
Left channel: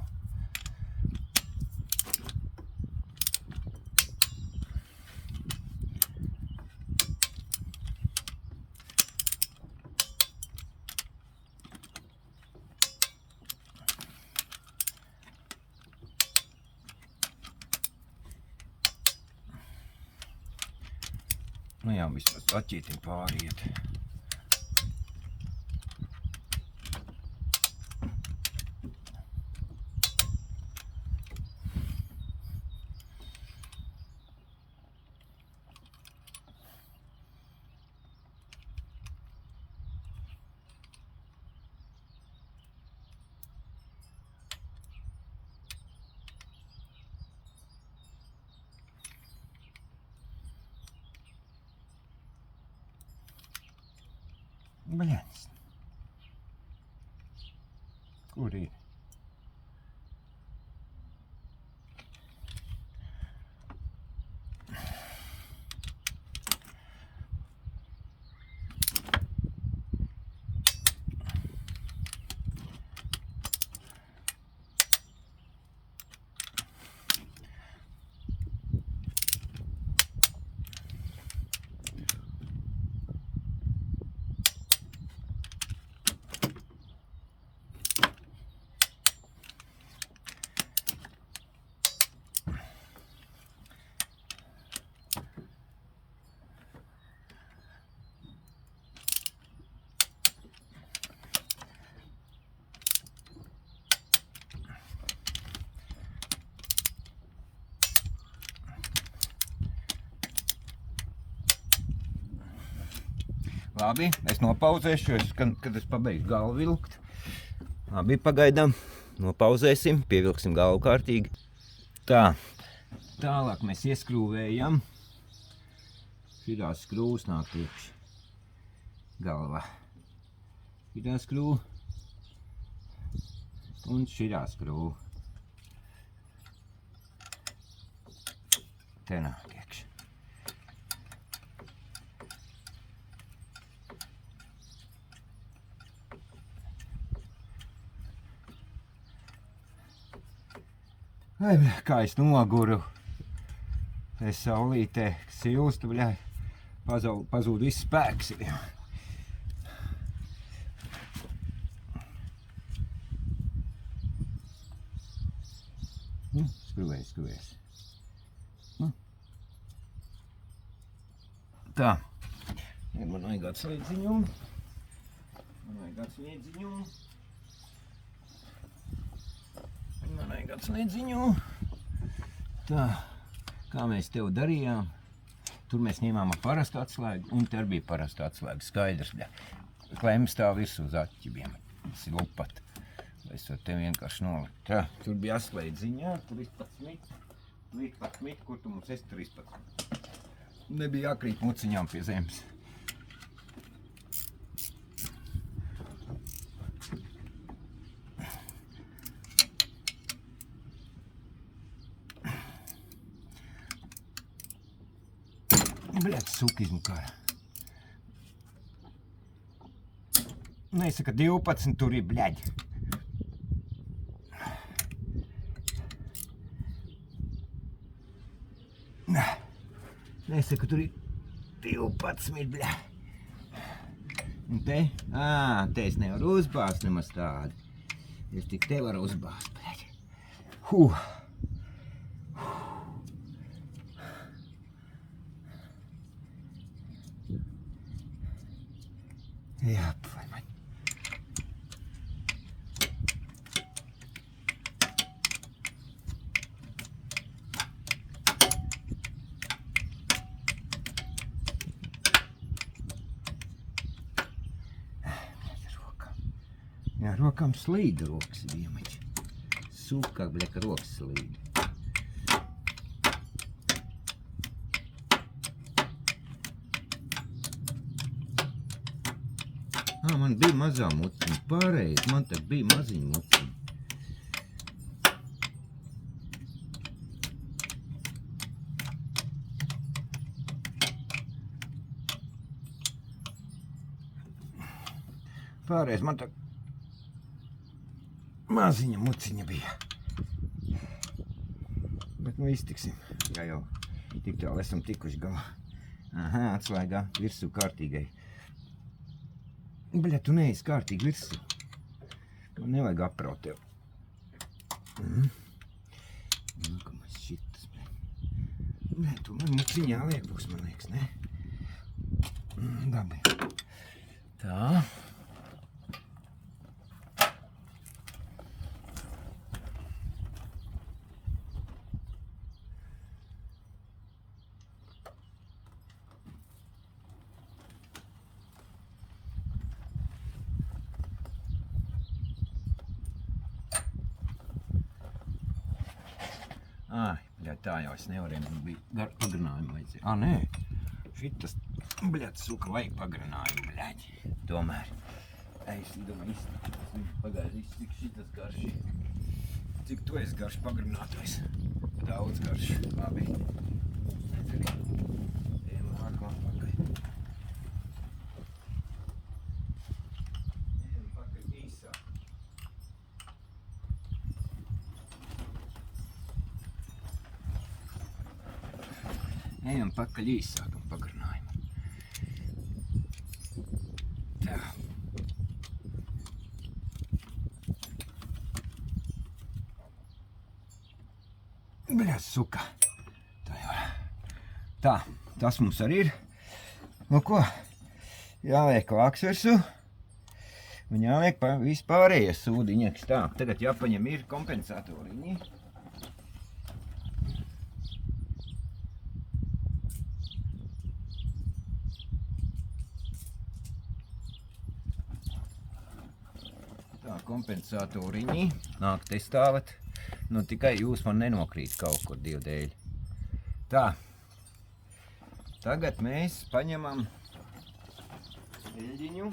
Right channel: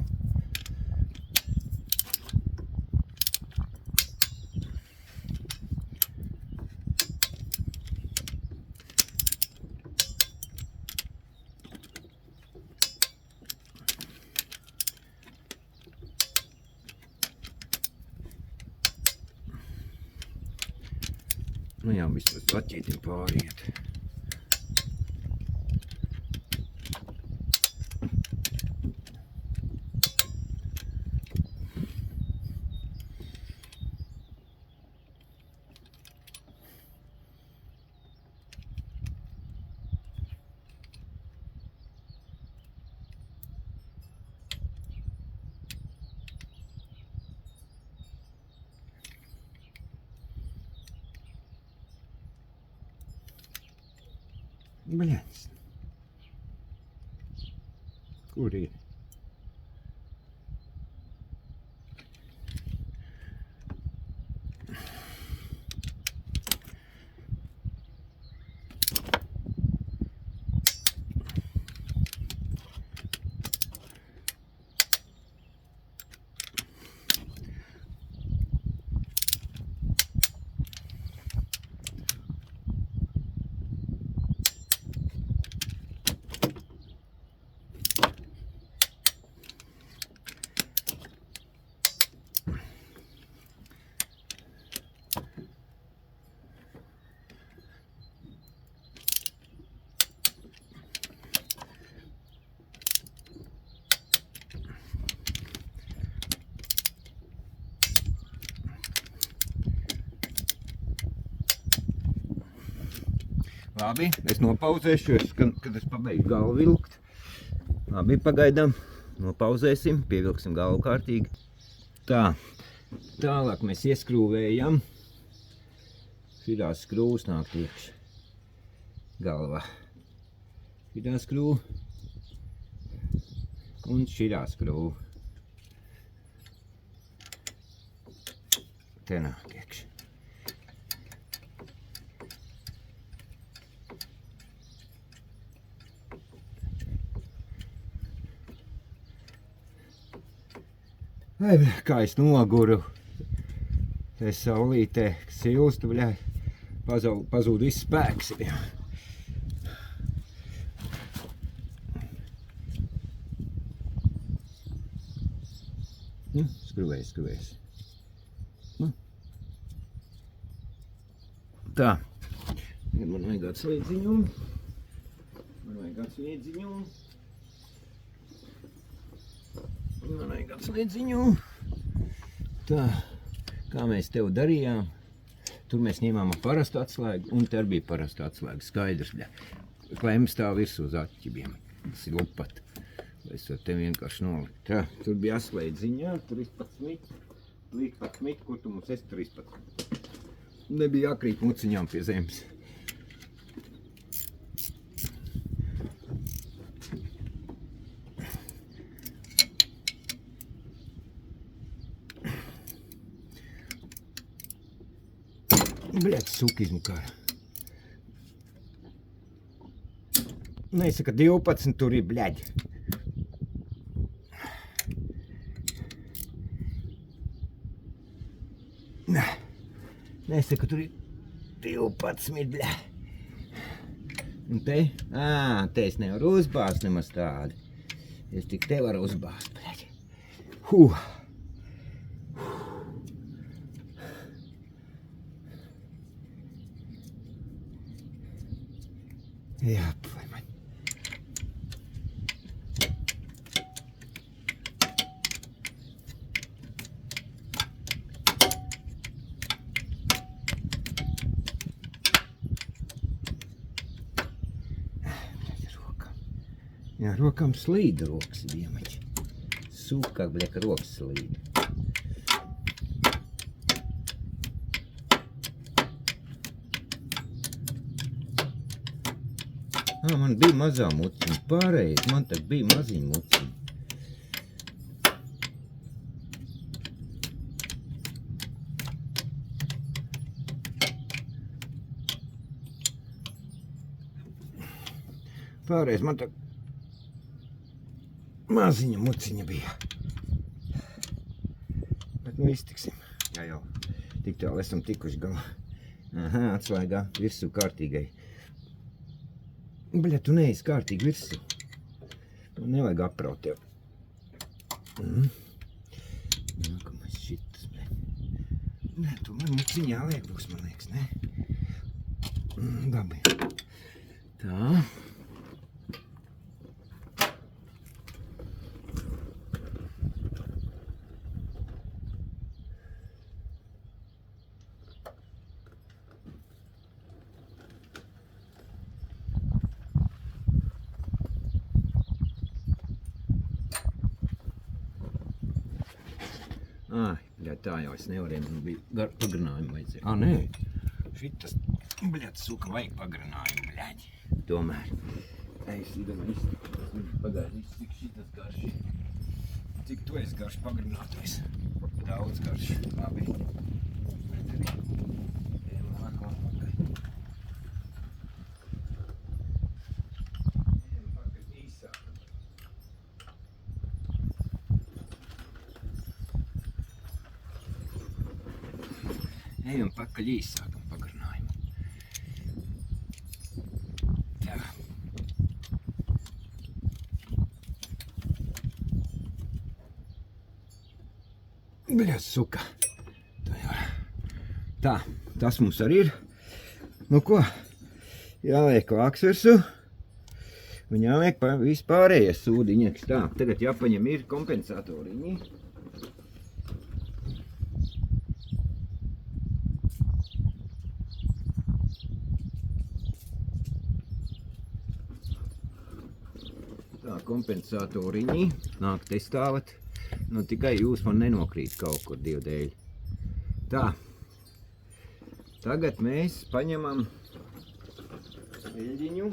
Nu jā, vispār saķītim pāriet. Bļaņas. Kur ir? Labi, es nopauzēšu, kad es pabeigšu galvu vilkt. Labi, pagaidām. Nopauzēsim, pievilksim galvu kārtīgi. Tā, tālāk mēs ieskrūvējam. Šitā skrūvs nāk iekš galvā. Šitā skrūva un šitā skrūva. Te nāk iekš. Ai, bļa, kā es noguru. Es saulītē silstu, bļa, pazūd viss spēks. Bļa. Skruvēs. Tā. Man vajag atslēdziņu. Tā, kā mēs tev darījām, tur mēs ņēmām ar parastu atslēgu, un te bija parasta atslēga, skaidrs, bļa. Klemms stāv virsū uz atķibiem, tas ir lupat. Es varu te vienkārši nolikt. Tā, tur bija atslēdziņā, 13, kur tu mums esi 13. Nebija jākrīt muciņām pie zemes. Bļaļ, sukizmu kā. Nesaka 12, tur ir bļaļ. Nesaka, tur ir 12, bļaļ. Un te? Te es nevaru uzbāzt nemaz tādu. Es tik te varu uzbāzt, bļaļ. Jā, vai man. Jā, rokām slīda rokas viemači. Sūkāk, bļa, ka rokas slīda. Man bija mazā muciņa, pareizi, man tak bija maziņa muciņa. Pareizi, man tak maziņa muciņa bija. Bet nu iztiksim, jā jau tik tālu esam tikuši galā. Atslēgā virsū kārtīgai. Bļa, tu neesi kārtīgi virsū. To nevajag apraut tev. Nākamais šitas, bļa. Bļa, tu man muciņā liek būs, man liekas, ne? Labi. Tā. Tā jau es nevarēju, man bija pagarinājumu vajadzēja. Nē, šitas, bļaļ, suka, vajag pagarinājumu, bļaļ. Tomēr. Es domāju, pagaidi, cik šitas garši. Cik tu esi garš pagarinātais. Daudz garš. Labi. Ejam nākamā pakaļ. Ejam pakaļ īsāk. Ejam pakaļ īsākam pagarinājumu. Tā. Bļaļ, suka. Tā, tas mums arī ir. Nu ko? Jāliek vāks virsū. Un jāliek vispārējais sūdiņaks. Tā, tagad jāpaņem ir kompensatoriņi. kompensatoriņi. Nāk te stāvat. Nu tikai jūs man nenokrīt kaut kur Dievu dēļ. Tā. Tagad mēs paņemam eļļiņu.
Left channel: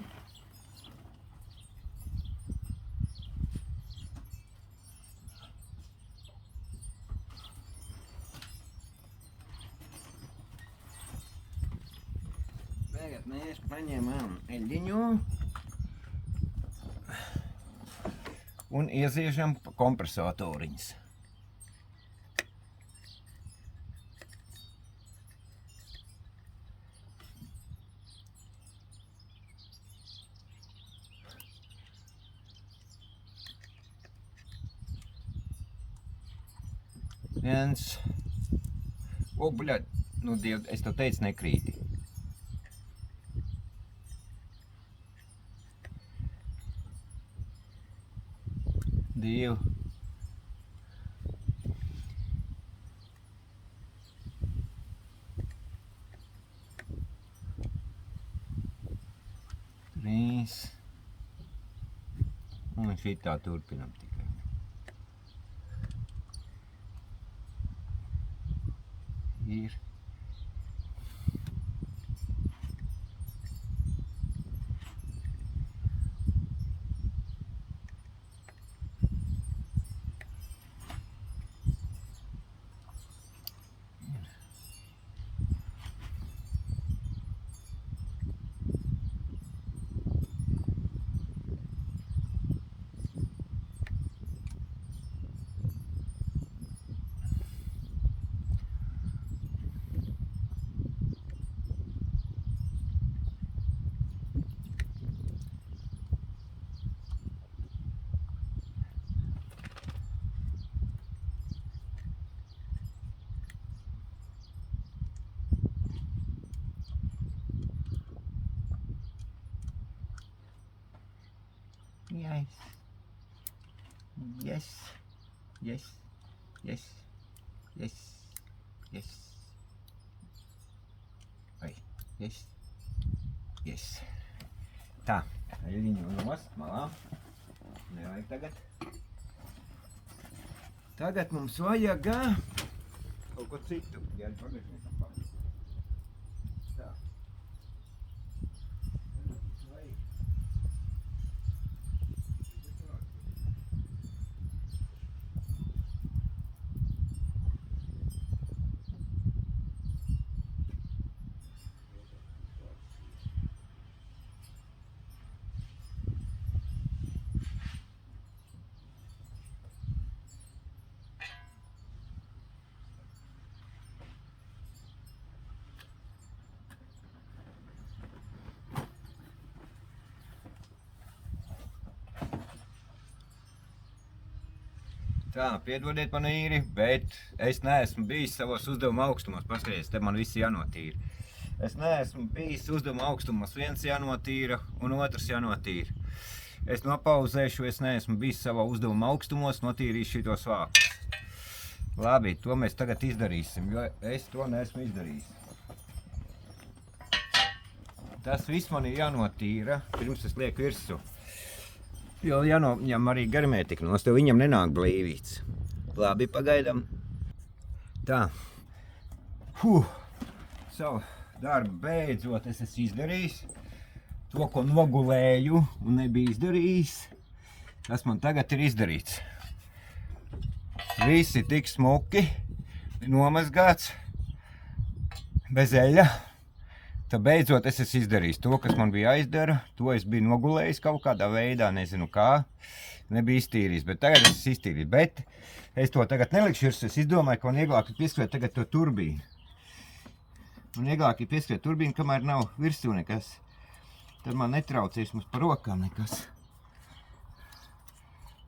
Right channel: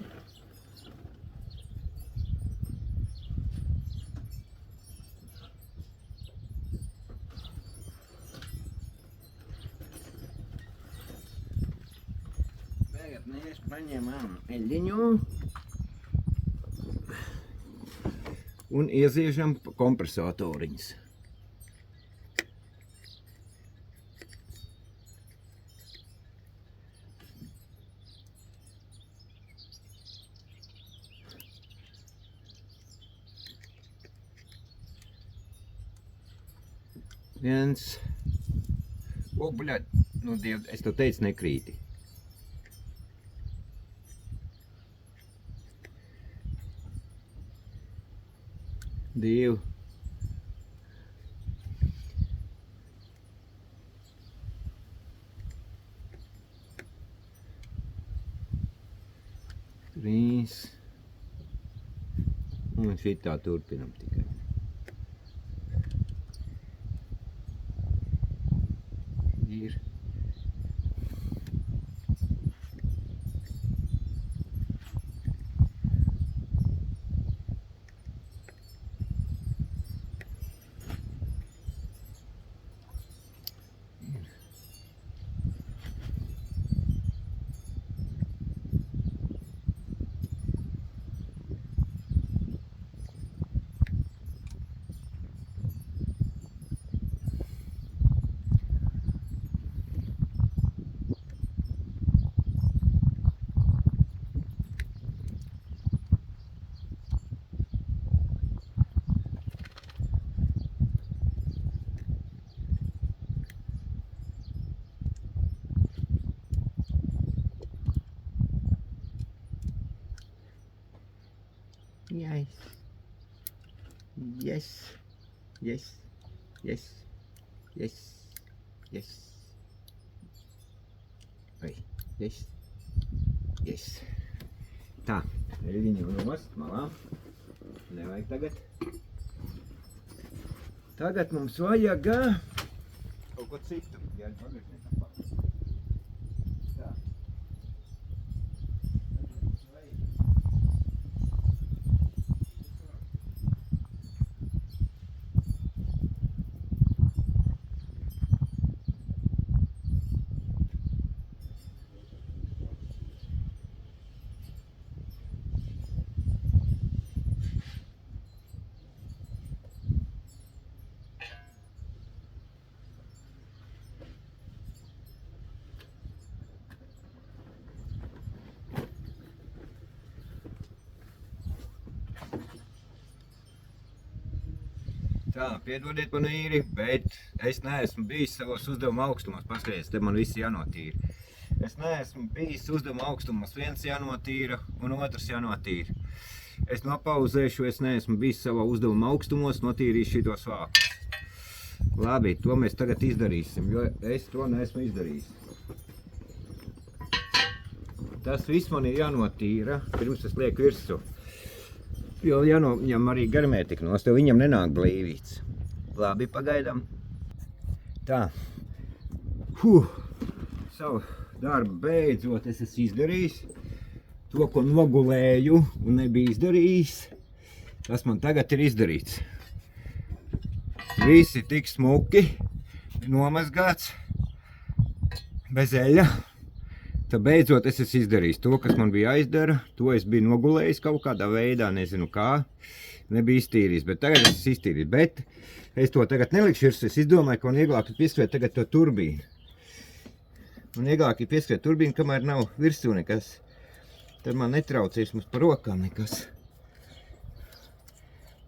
Tagad mēs paņemam eļļiņu un ieziežam kompresatoriņus. Viens. O, bļaļ, nu Diev, es tev teicu nekrīti. Divi. Trīs. Un šitā turpinam tikai. Ir. Yes. Yes. Yes. Yes. Yes. Yes. Oi. Yes. Yes. Tā. Eļļiņu nost malā. Nevajag tagad. Tagad mums vajag kaut ko citu. Jāņi pagažniekam pārēc. Tā. Tā, piedodiet man īri, bet es neesmu bijis savos uzdevuma augstumos. Paskaties, te man viss jānotīra. Es neesmu bijis uzdevuma augstumos. Viens jānotīra un otrs jānotīra. Es nopauzēšu, es neesmu bijis savā uzdevuma augstumos, notīrīšu šitos vākus. Labi, to mēs tagad izdarīsim, jo es to neesmu izdarījis. Tas viss man ir jānotīra, pirms es lieku virsū. Jo jānoņem arī garmētika nost, jo viņam nenāk blīvīts. Labi, pagaidām. Tā. Savu darbu beidzot es esmu izdarījis. To, ko nogulēju un nebija izdarījis, tas man tagad ir izdarīts. Viss ir tik smuki, nomazgāts, bez eļļa. Tad beidzot es esmu izdarījis to, kas man bija jāizdara. To es biju nogulējis kaut kādā veidā, nezinu kā. Nebija iztīrījis, bet tagad es esmu iztīrījis. Bet es to tagad nelikšu virs, es izdomāju, ka man vieglāk ir pieskriet tagad to turbīnu. Man vieglāk ir pieskriet turbīnu, kamēr nav virsū nekas. Tad man netraucēs mums par rokām nekas.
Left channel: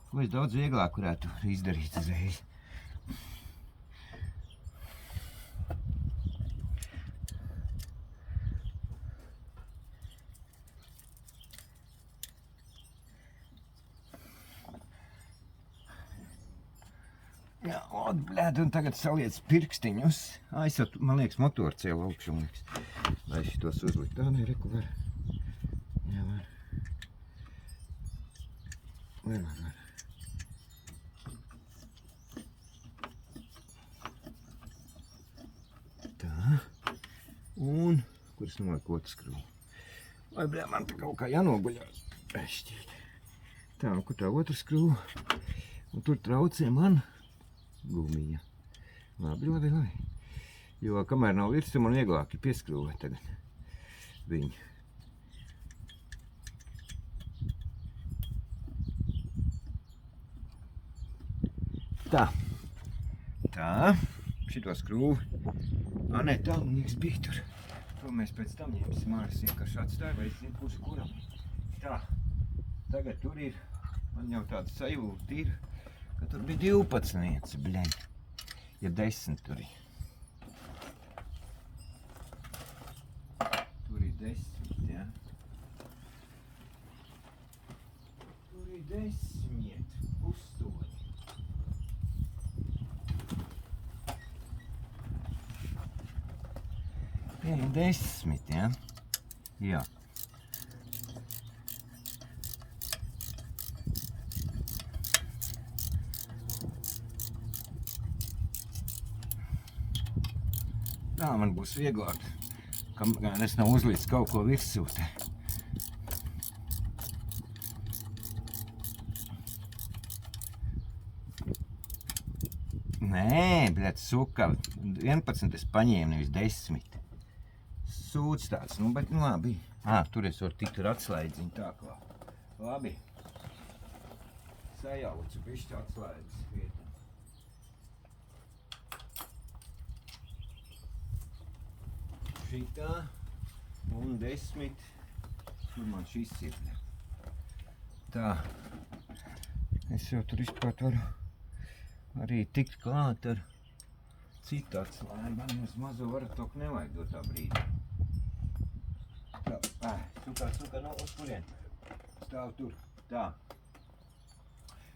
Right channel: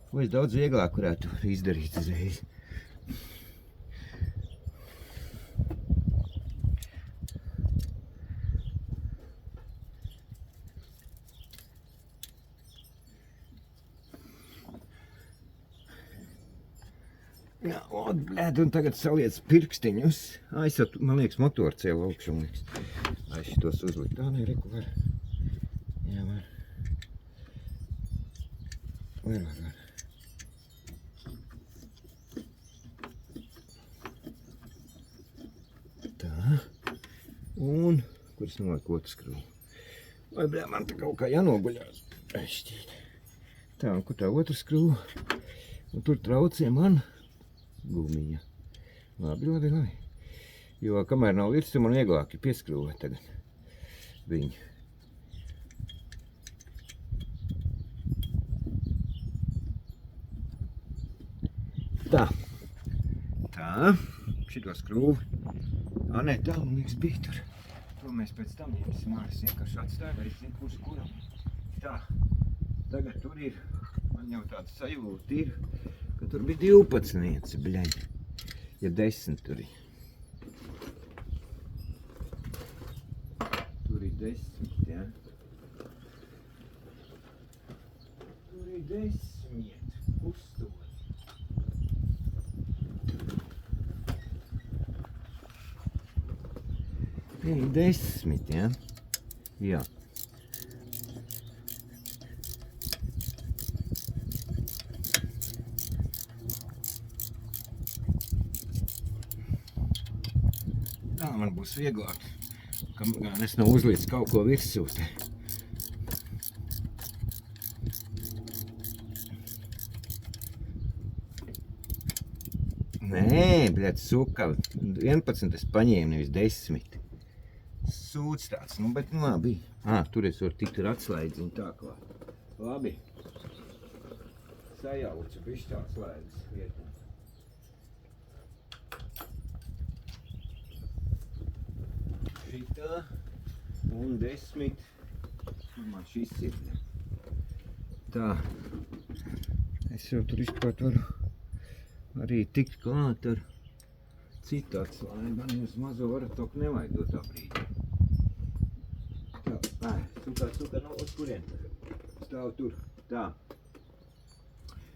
Ko es daudz vieglāk varētu izdarīt uzreiz. Jā, blēd, un tagad saliec pirkstiņus. Aizsat, man liekas, motoru cēlu augšu, man liekas. Lai šitos uzlikt. Tā, nē, reku var. Jā, var. Var. Tā. Un, kuras noliek otru skrūvu? Vai, bļā, man te kaut kā jānoguļās. Šķiet. Tā, un kur tā otra skrūva? Un tur traucē man gumija. Labi. Jo kamēr nav virsmu, man vieglāk ir pieskrūvēt tagad viņu. Tā. Šito skrūvi. Nē, tā, man liekas, bija tur. To mēs pēc tam ņemsim ārā, vienkārši atstāju, vai es zinu, kurš kuram. Tā. Tagad tur ir, man jau tāds sajūta ir, ka tur bija 12, bļaļ. Ja 10 tur ir. Tur ir 10, ja. Tur ir 10, pustoņi. Ir 10, ja? Jā. Tā man būs vieglāk, kamēr es nav uzlicis kaut ko virsū. Nē, bļaļ, suka, 11 es paņēmu, nevis 10. Sūds tāds, nu, bet labi. Tur es varu tikt ar atslēdziņu tā kā. Labi. Sajaucu, bišķi atslēdzis vietā. Šitā un 10. Tur man šis ir. Tā. Es jau tur izprāt varu arī tikt klāt ar citu atslēgu. Man uz mazo oratoku nevajag dot tā brīdī. Suka, no uz kurien? Stāv tur. Tā.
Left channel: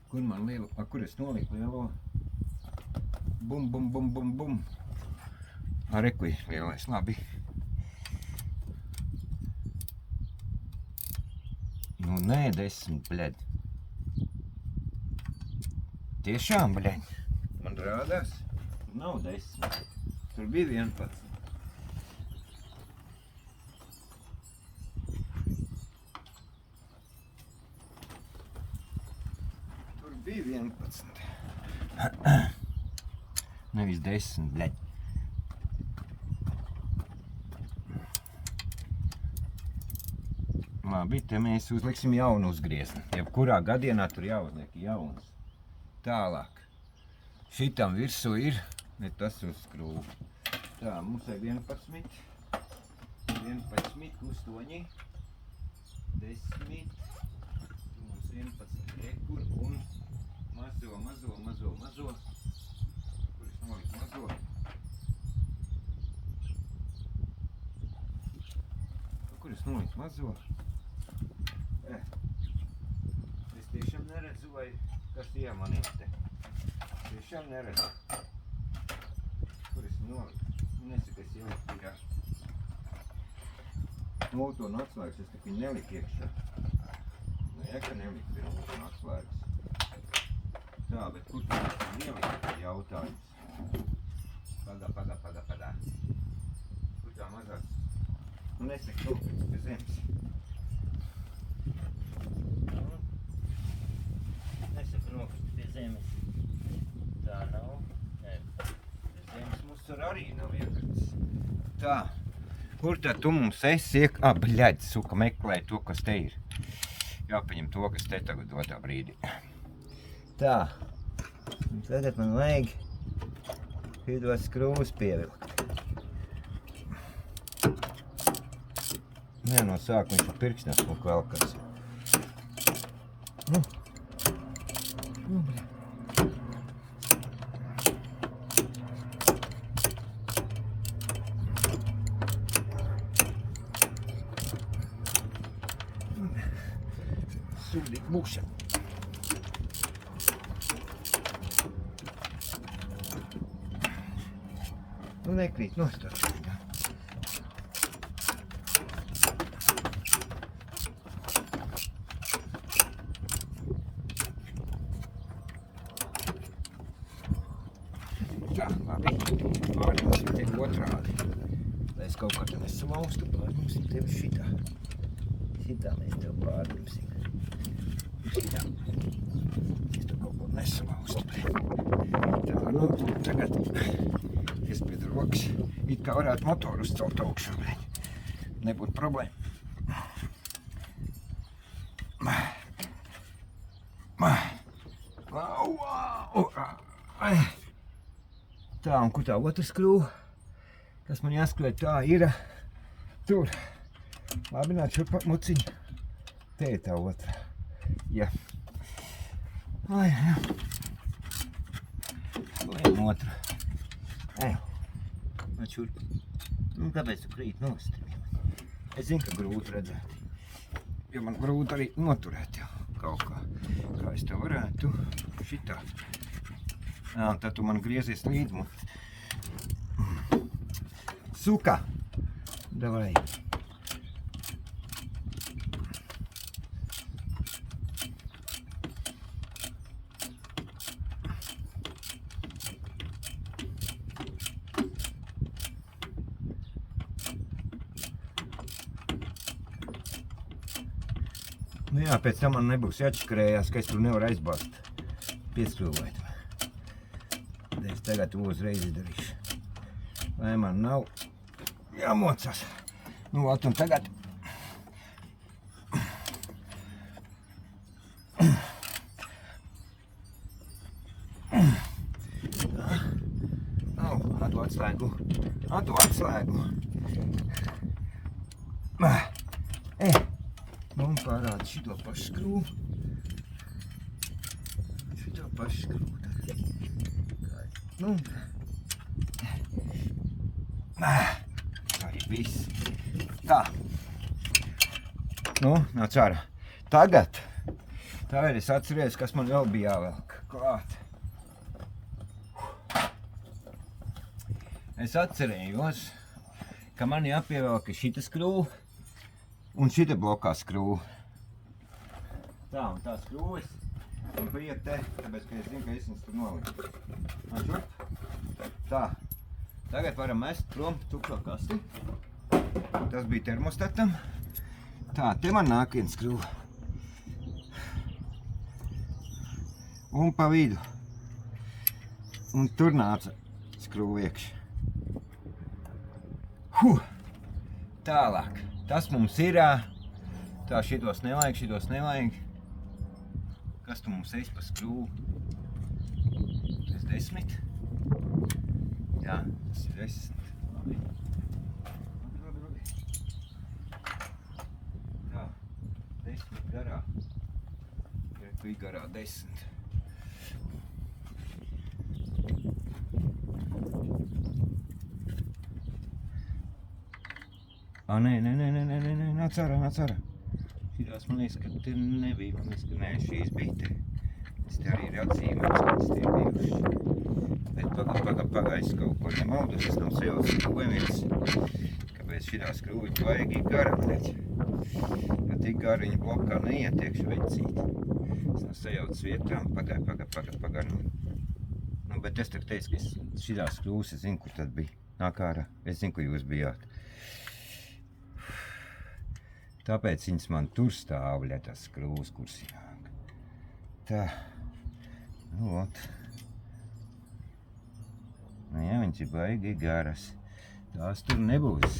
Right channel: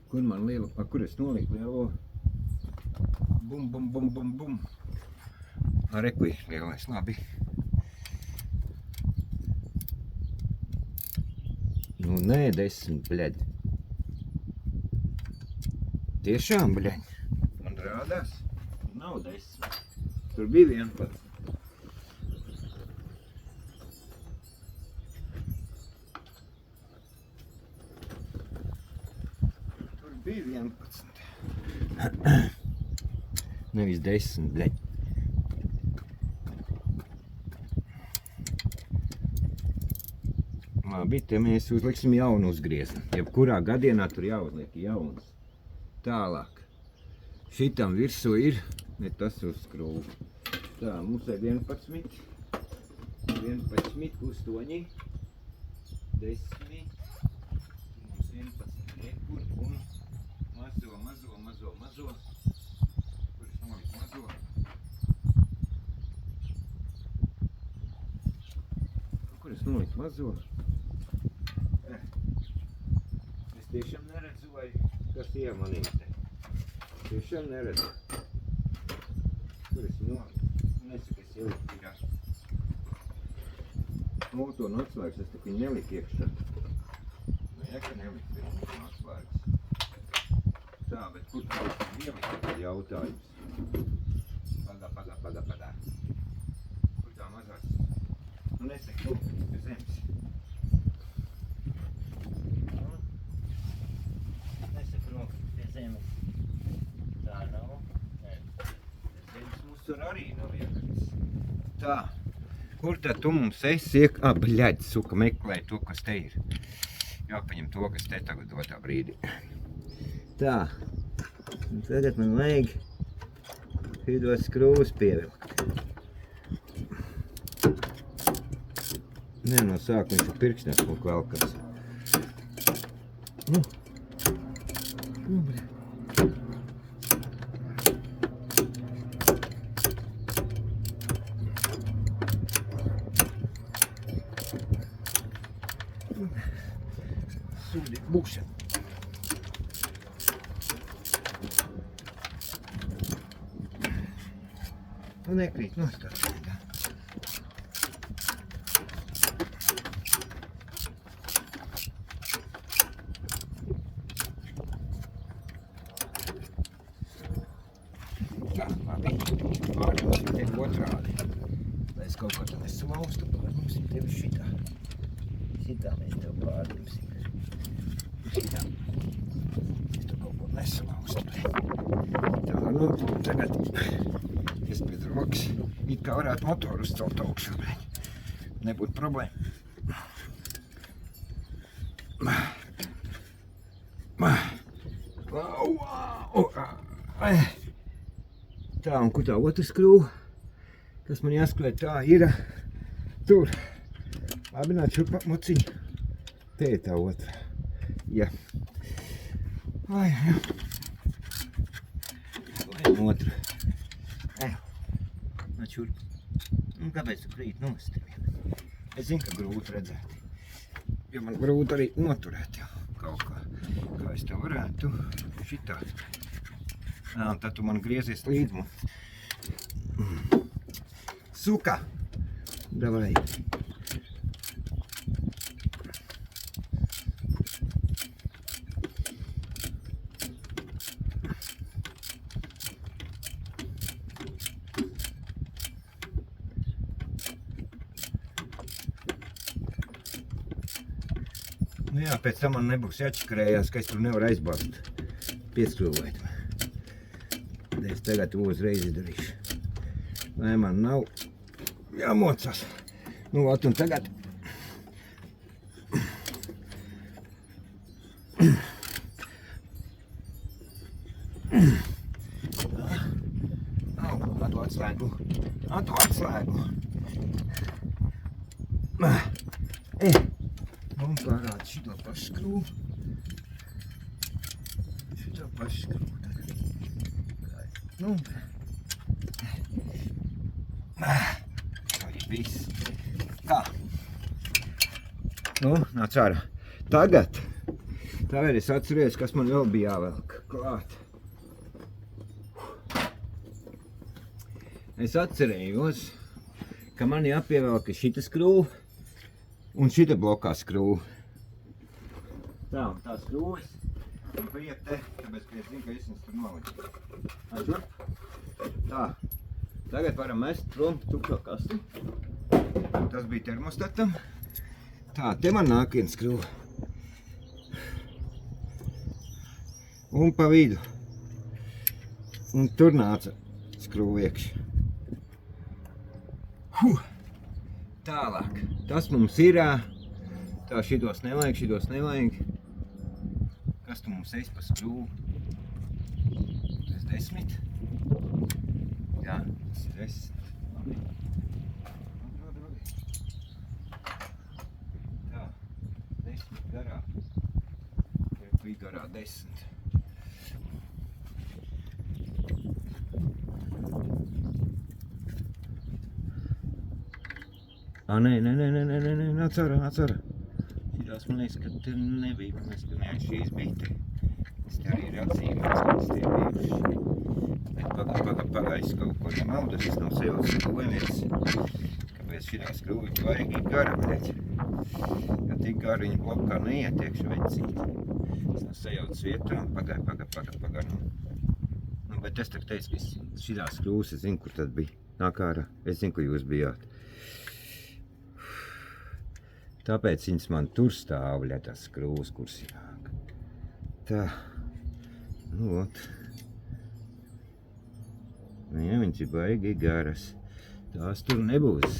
Kur man liela, kur es noliku lielo? Bum. Rekuj, lielais, labi. Nu, nē, 10, bļaļ. Tiešām, bļaļ. Man rādās? Nav 10. Tur bija 11. Bija 11. Nevis 10, bļaļ. Labi, te mēs uzliksim jaunu uzgriezni. Jebkurā gadienā tur jāuzliek jauns. Tālāk. Šitam virsū ir, ne tas uz skrūvu. Tā, mums ir 11, 8, 10, mums 11 rekur un mazo. Kur es noliku mazo? Kur es noliku mazo? Es tiešām neredzu, vai kas iemanīja te. Tiešām neredzu. Kur es noliku? Nesaka, es ieliku pirā. To atslēgas es tik viņu neliku iekšā. Jā, ka neliku pirā atslēgas. Tā, bet kur tu esi ielikt, ir jautājums. Padā. Kur tā mazās? Nu, nesaka kaut kas pie zemes. Nesaka nokrit pie zemes. Tā nav. Nē, pie zemes mums tur arī nav iekritis. Tā. Kur tad tu mums esi bļaļ, suka, meklē to, kas te ir. Jāpaņem to, kas te tagad dotā brīdī. Tā. Un tagad man vajag šitos skrūvus pievilkt. Nē, no sākuma viņš ir pirkstnes kaut velkās. Nu, bļaļ. Sūdīgi būšana. Nu, nekrīt nostāt. labi. Pārņemsim tevi otrādi. Lai es kaut kā te nesalaustu, pārņemsim tevi šitā. Šitā mēs tevi pārņemsim. Šitā. Es tu kaut ko nesalaustu. Tā, nu, tagad es pēc rokas. It kā varētu motoru uzcelt augšā. Nebūtu problēma. Tā, un kur tā otra skrūva? Kas man jāskrūvē, tā ir tur. Labi, nāc šurp mociņu. Te ir tā otra. Ja. Lai otru. Nāc šurp. Nu, kāpēc tu krīt nost? Es zinu, ka grūti redzēt. Jo man grūti arī noturēt jau kaut kā. Kā es tā varētu šitā. Jā, un tad tu man griezies līdz mums. Suka! Davai! Nu jā, pēc tam man nebūs jāčakarējās, ka es tur nevaru aizbāzt. Pieskrūvēt. Es tagad to uzreiz izdarīšu. Lai man nav jāmocas. Nu, ot, un tagad. Atu atslēgu. Atu atslēgu. Un parāda šito pašu skrūvu. Šito pašu skrūvu. Nu, arī viss. Tā. Nu, nāc ārā. Tagad es atceries, kas man vēl bija jāvelk klāt. Es atcerējos, ka man jāpievelk šita skrūva un šita blokā skrūva. Tā, un tā skrūves. Un bija te, tāpēc, ka es zinu, ka es viņus tur noliku. Šurp. Tā. Tagad varam mest prom tukšo kasti. Tas bija termostatam. Tā, te man nāk viena skrūva. Un pa vidu. Un tur nāca skrūva iekšā. Tālāk. Tas mums ir. Tā, šitos nevajag. Kas tu mums esi pa skrūvu? Tas 10. Jā, tas ir 10. Labi. Tā, 10 garā. Bija garā 10. Nē, nāc ārā. Šitās man liekas, ka te nebija, man liekas, ka nē, šīs bija te. Es te arī ir atzīmēts, ka es tie bijuši. Bet pagājis kaut ko nemaldas, es nav sajauts skrūvēmies. Kāpēc šitā skrūviņa vajag ir gara, redz. Jo tik gara viņa blokā neietiekšu vecīt. Es nav sajauts vietā, pagar. Nu, bet es tak teicu, ka šitā skrūvas, es zinu, kur tad bija. Nāk ārā, es zinu, kur jūs bijāt. Tāpēc viņas man tur stāv, lai tās skrūvas kursināk. Tā. Nu, ot. Nu, jā, viņas ir baigi garas. Tās tur nebūs.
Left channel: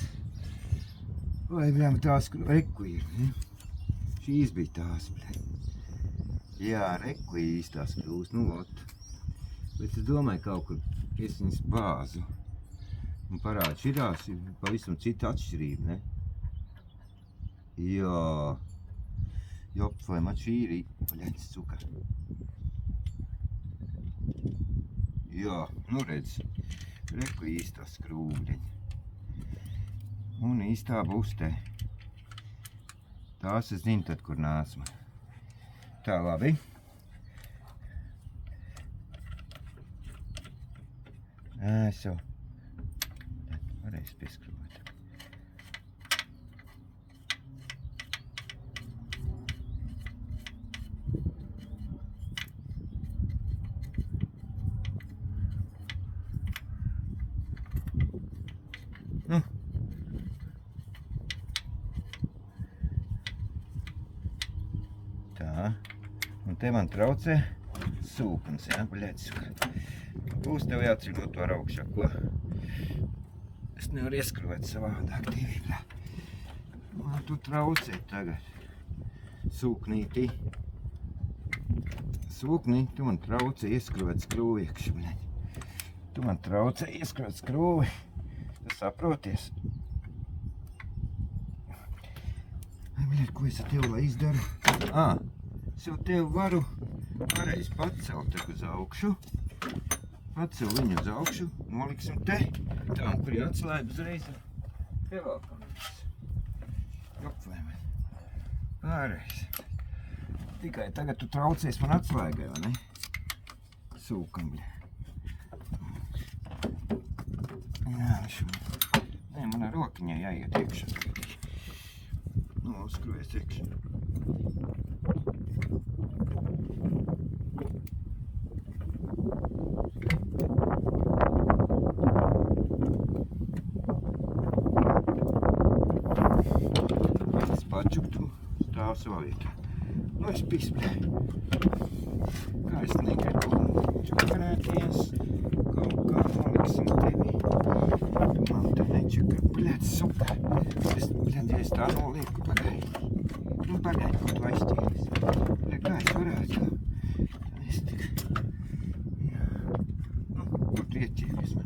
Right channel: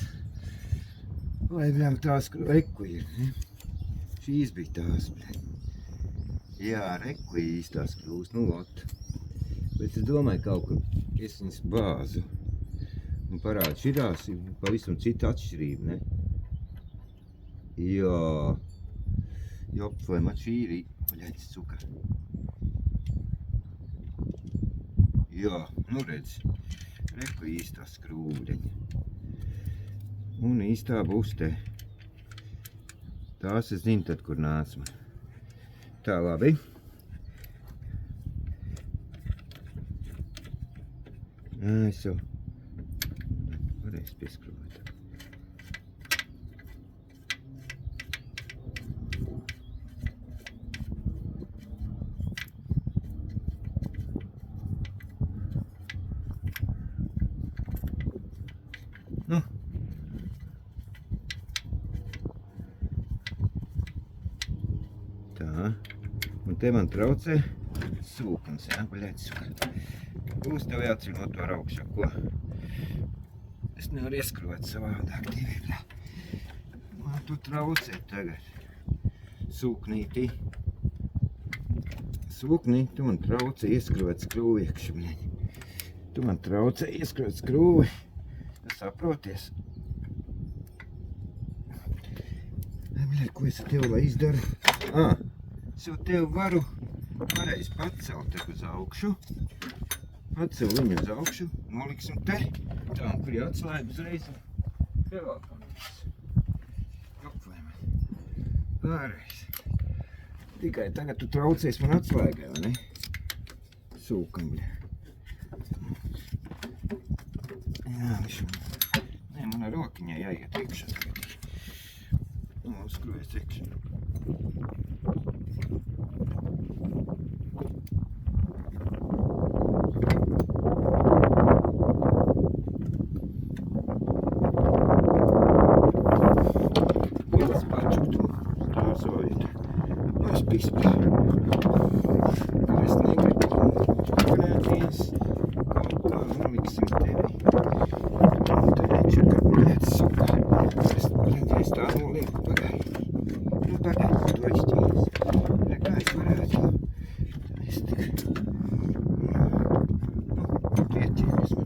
Vai, bļam, tās reku ir, ne? Šīs bija tās, bļam. Jā, reku ir īstās skrūvas, nu, ot. Bet es domāju, kaut kur es viņas bāzu. Un parādu, šitās ir pavisam cita atšķirība, ne? Jā, jop, vai man šī ir paļaņas cukar. Jā, nu redz, reku īstā skrūvdeņa. Un īstā būs te. Tās es zinu tad, kur nāsma. Tā, labi. Eso. Varēs pieskrūvēt. Tā. Un te man traucē sūknis, jā, bļēc. Būs tev jāceļot to ar augšā, ko? Es nevaru ieskrot savādāk tevi, bļā. Man tu traucē tagad. Sūknītī. Sūknīti, tu man traucē ieskrot skrūvi iekšā, bļā. Tu man traucē ieskrot skrūvi. Tu saproties? Bļā, ko es ar tevi lai izdaru? Es jau tevi varu pareizi pacelt uz augšu. Pacel viņu uz augšu, noliksim te. Tā, un kur jāatslēd uzreiz. Pievelkam visu. Jopvēmē. Pareizi. Tikai tagad tu traucies man atslēgai, vai ne? Sūkam, bļā. Jā, viņš man... Nē, man ar rokiņai jāiet iekšā tagad. Uzskruvies iekšā. Pēc pačuktumā stāv savā vietā. Nu, es pispļu. Kā es negribu čakarēties. Kaut kā noliksim tevi. Un te nečakar, bļēc, super. Es tā nolieku pagaidi. Nu, pagaidi, tu aizķīries. Kā es varētu? Es tik... Nu, tu ieķīries man.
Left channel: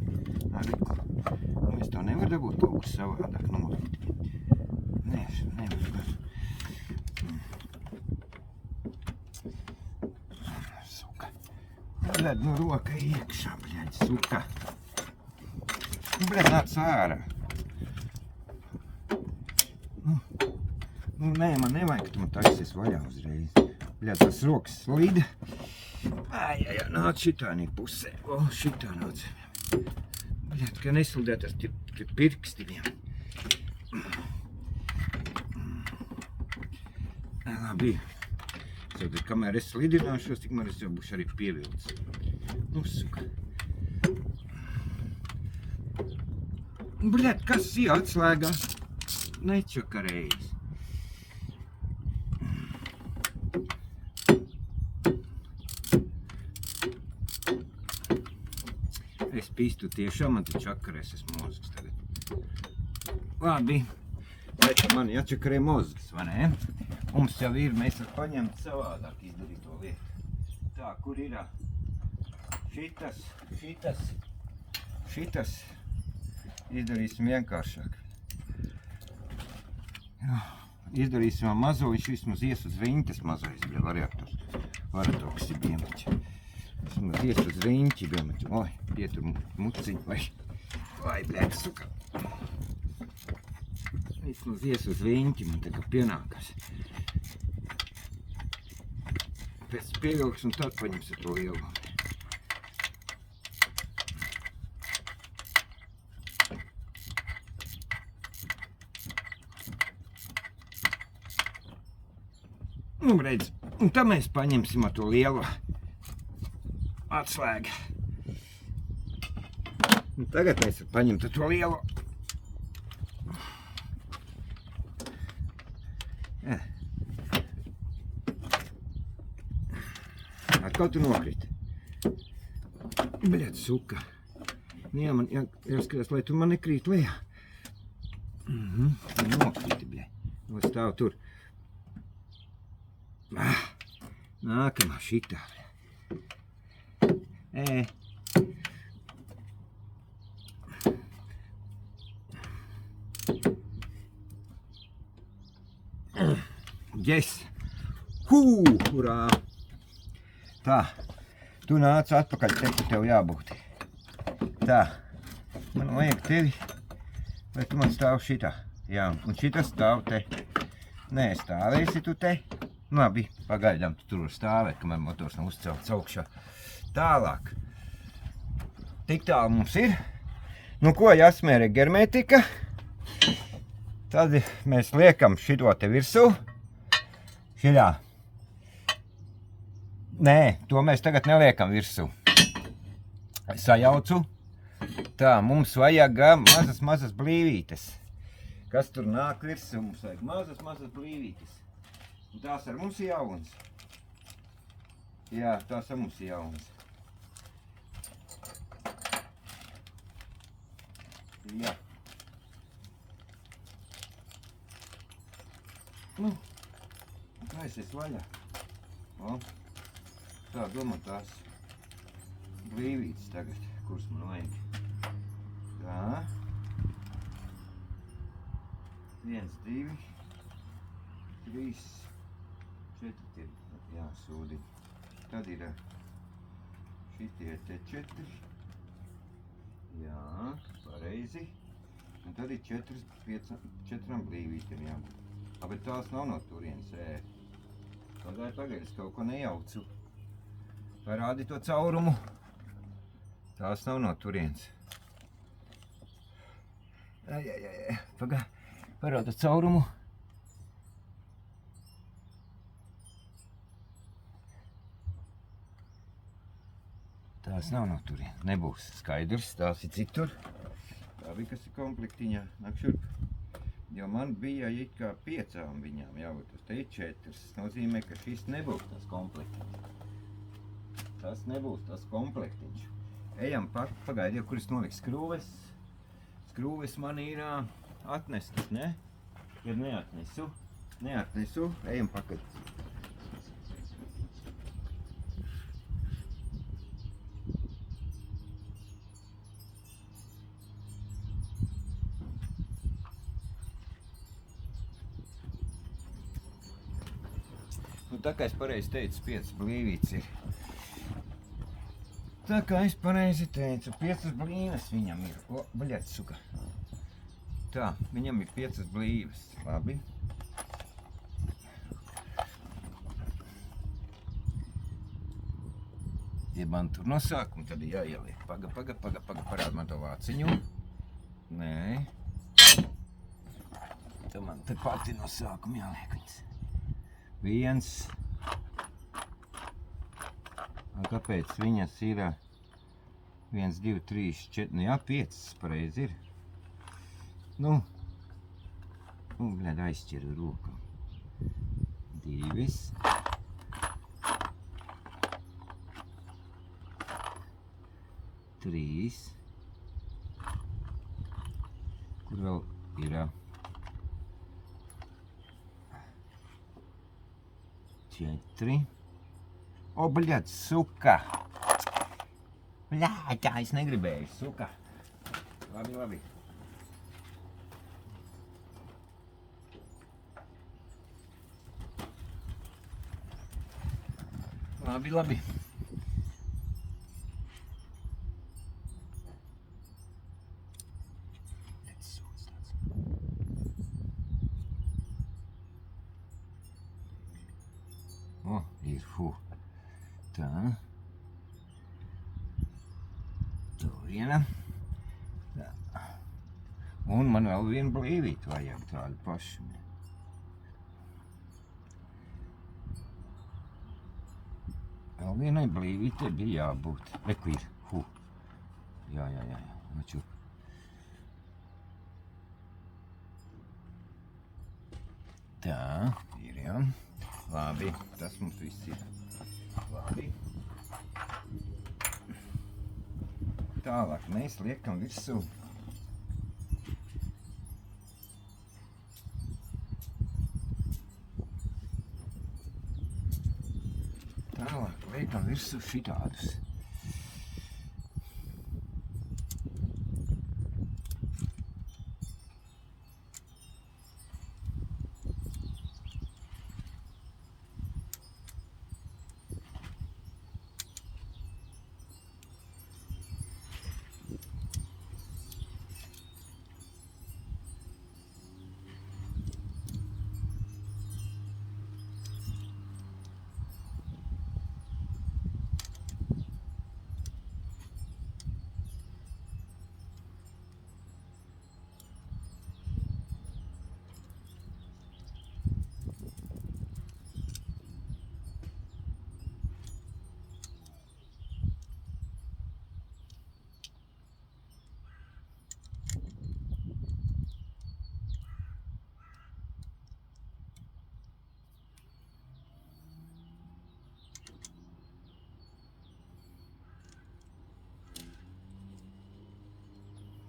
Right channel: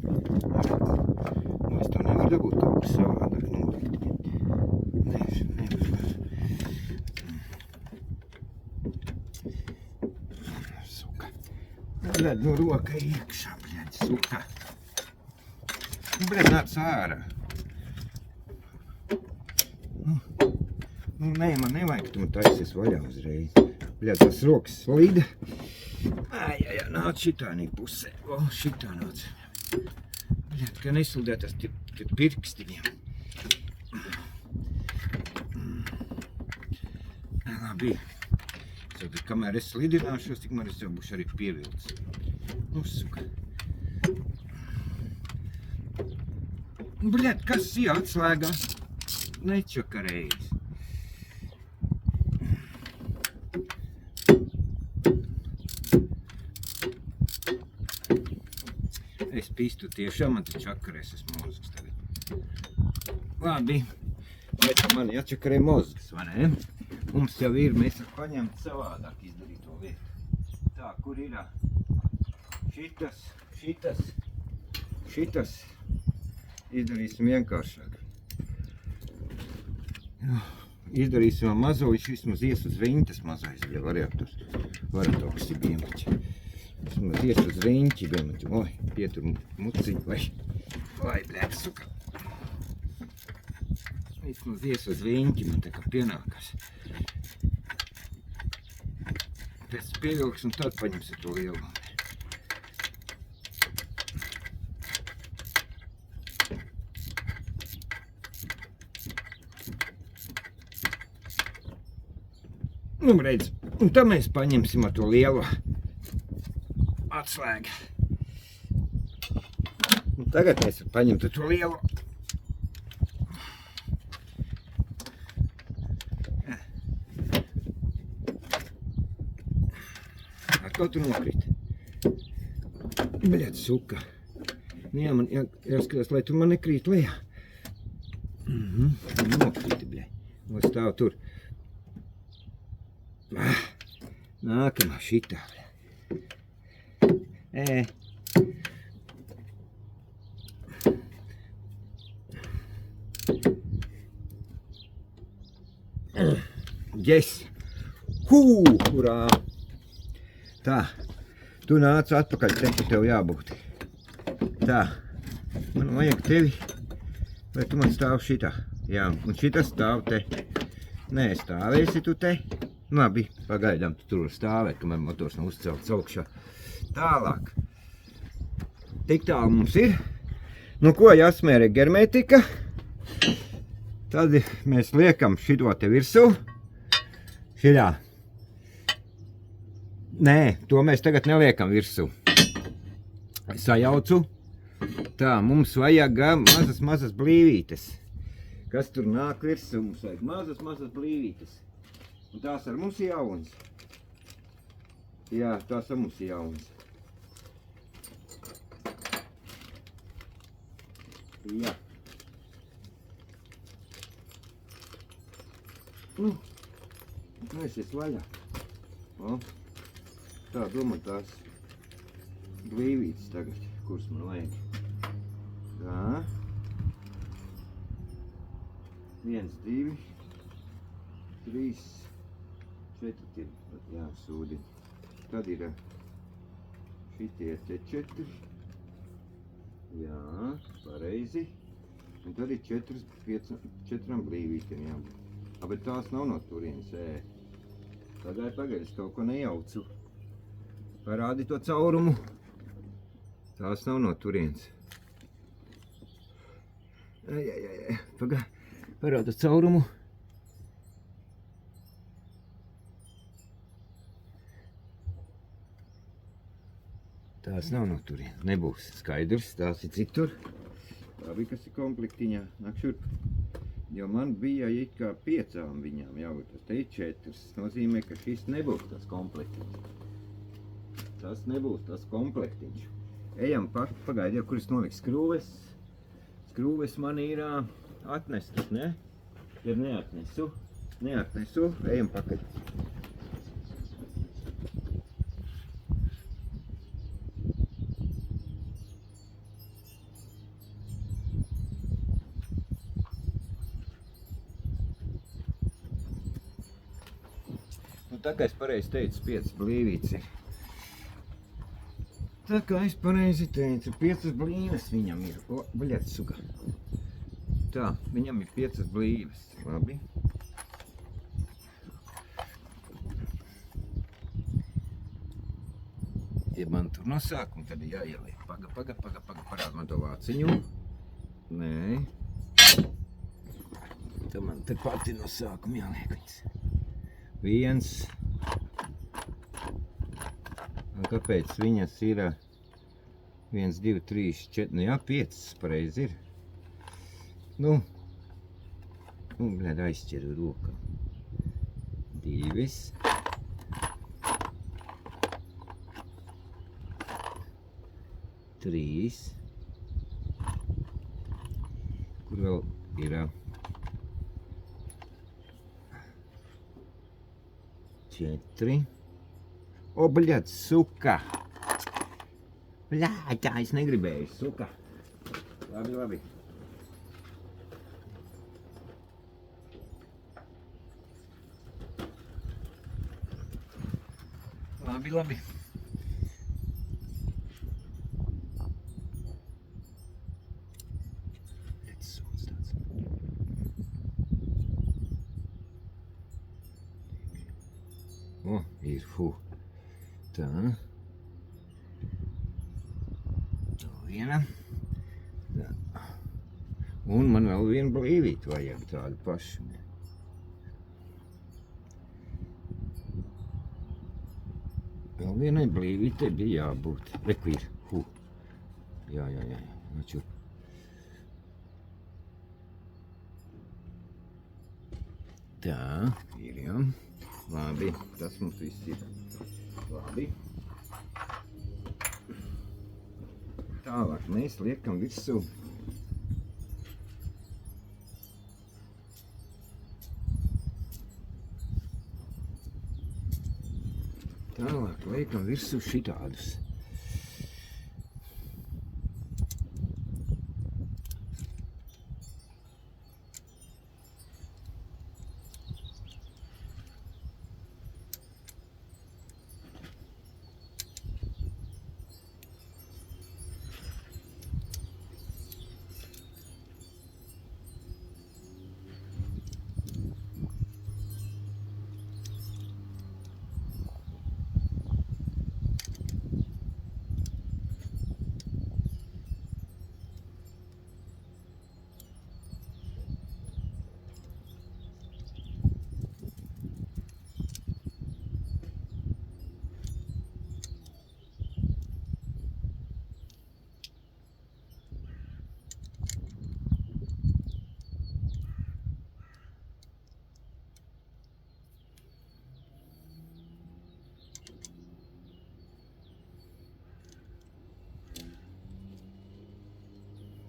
Nu, es to nevaru dabūt kaut kas savādāk nolikt. Nevaru. Suka. Bļaļ, nu roka iekšā, bļaļ, suka. Nu, bļaļ, nāc ārā. Nu, nē, man nevajag, ka tu man taisies vaļā uzreiz. Bļā, tas rokas slida. Ai, nāc šitānī pusē. O, šitā nāc. Bļā, kā neslidēt ar pirkstiņiem. Labi. Tad, kamēr es slidināšos, tikmēr es jau būšu arī pievilcis. Nu, suka. Bļā, kas ir atslēgā? Nečakarējis. Es pistu tiešām, man te čakarēs es mozgs tagad. Labi, vai tu man jāčakarē mozgs, vai ne? Mums jau ir, mēs varam paņemt savādāk izdarīt to lietu. Tā, kur ir šitas. Izdarīsim vienkāršāk. Izdarīsim mazo, viņš vismaz ies uz riņķes mazais, ja varētu augsti biemaķi. Vismaz ies uz riņķi biemaķi. Oi, pietur muciņu, vai, bļēd, suka. Vismaz ies uz riņķi, man tā kā pienākas. Pēc pievilks un tad paņemsim to lielu. Nu, redz, un tad mēs paņemsim ar to lielo atslēgu. Un tagad mēs paņemt ar to lielo. Atkal tu nokriti. Bļēt, suka. Nu jā, man jāskatās, lai tu man nekrīt lejā. Nokriti, bļēt. Nu, stāv tur. Nākamā šitā. Yes! Hurā! Tā, tu nāc atpakaļ, te tev jābūt. Tā, man vajag tevi, vai tu man stāv šitā? Jā, un šitā stāv te. Nē, stāvēsi tu te. Labi, pagaidām tu tur stāvēt, kamēr motors nav uzcelts augšā. Tālāk. Tik tālu mums ir. Nu ko, jāsmēra germētika. Tad mēs liekam šito te virsū. Šitā. Nē, to mēs tagad neliekam virsū. Sajaucu. Tā, mums vajag mazas blīvītes. Kas tur nāk virsū? Mums vajag mazas blīvītes. Un tās ar mums jauns. Jā, tās ar mums jauns. Jā. Es esmu vaļā. O, tā domā tās blīvītes tagad, kuras man vajag. Tā. 1, 2, 3, 4 jāsūdina. Tad ir šitie te 4. Jā, pareizi. Un tad ir 4 blīvītiem jābūt. Bet tās nav no turienes, Pagaid, es kaut ko nejaucu. Parādi to caurumu. Tās nav no turienes. Pagaid, parādi to caurumu. Tās nav no turienes, nebūs skaidrs, tās ir citur. Tā bija, kas ir komplektiņā, nāk šurp. Jo man bija it kā 5 viņām jābūt, tas te ir 4. Tas nozīmē, ka šis nebūs tas komplektiņš. Tas nebūs tas komplektiņš. Ejam pagaidi, kur es noliku skrūves. Skrūves man ir atnestas, ne? Ja neatnesu, ejam pakaļ. Tā kā es pareizi teicu, 5 blīvītes ir. Tā kā es pareizi teicu, 5 blīves viņam ir. O, baļāt, suka. Tā, viņam ir 5 blīves. Labi. Ja man tur no sākuma tad ir jāieliek. Paga, parād man to vāciņu. Nē. Tā man te pati no sākuma jāliek viņas. 1. Un kāpēc viņas ir 1, 2, 3, 4, nu jā, 5 pareizi ir. Nu, bļād, aizķeru rokam. 2. 3. Kur vēl ir 4. O, bļāt, suka! Bļāt, tā es negribēju, suka! Labi. Labi. O, ir, Tā. To viena. Tā. Un man vēl vienu blīvīti vajag tādu pašu. Vēl vienai blīvītei bija jābūt. Reku ir, Jā, nočup. Tā, ir jau. Labi, tas mums viss ir. Labi. Tālāk mēs liekam virsū. Tālāk liekam virsū šitādus.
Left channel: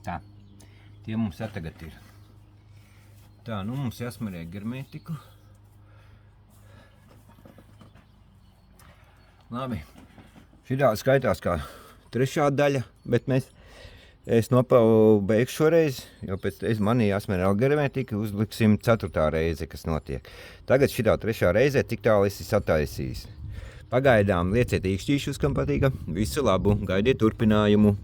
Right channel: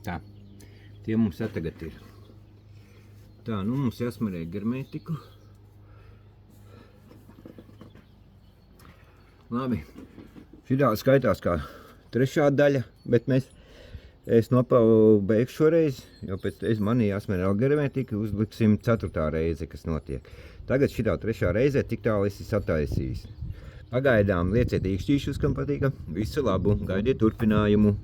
Tā. Tie mums tagad ir. Tā, nu mums jāsmarē germētiku. Labi. Šitā skaitās kā trešā daļa, bet es beigšu šoreiz, jo pēc manī jāsmerē germētika, uzliksim 4. reize, kas notiek. Tagad šitā 3. reizē tik tālu esi sataisījis. Pagaidām lieciet īkšķīšus, kam patīka. Visu labu, gaidiet turpinājumu.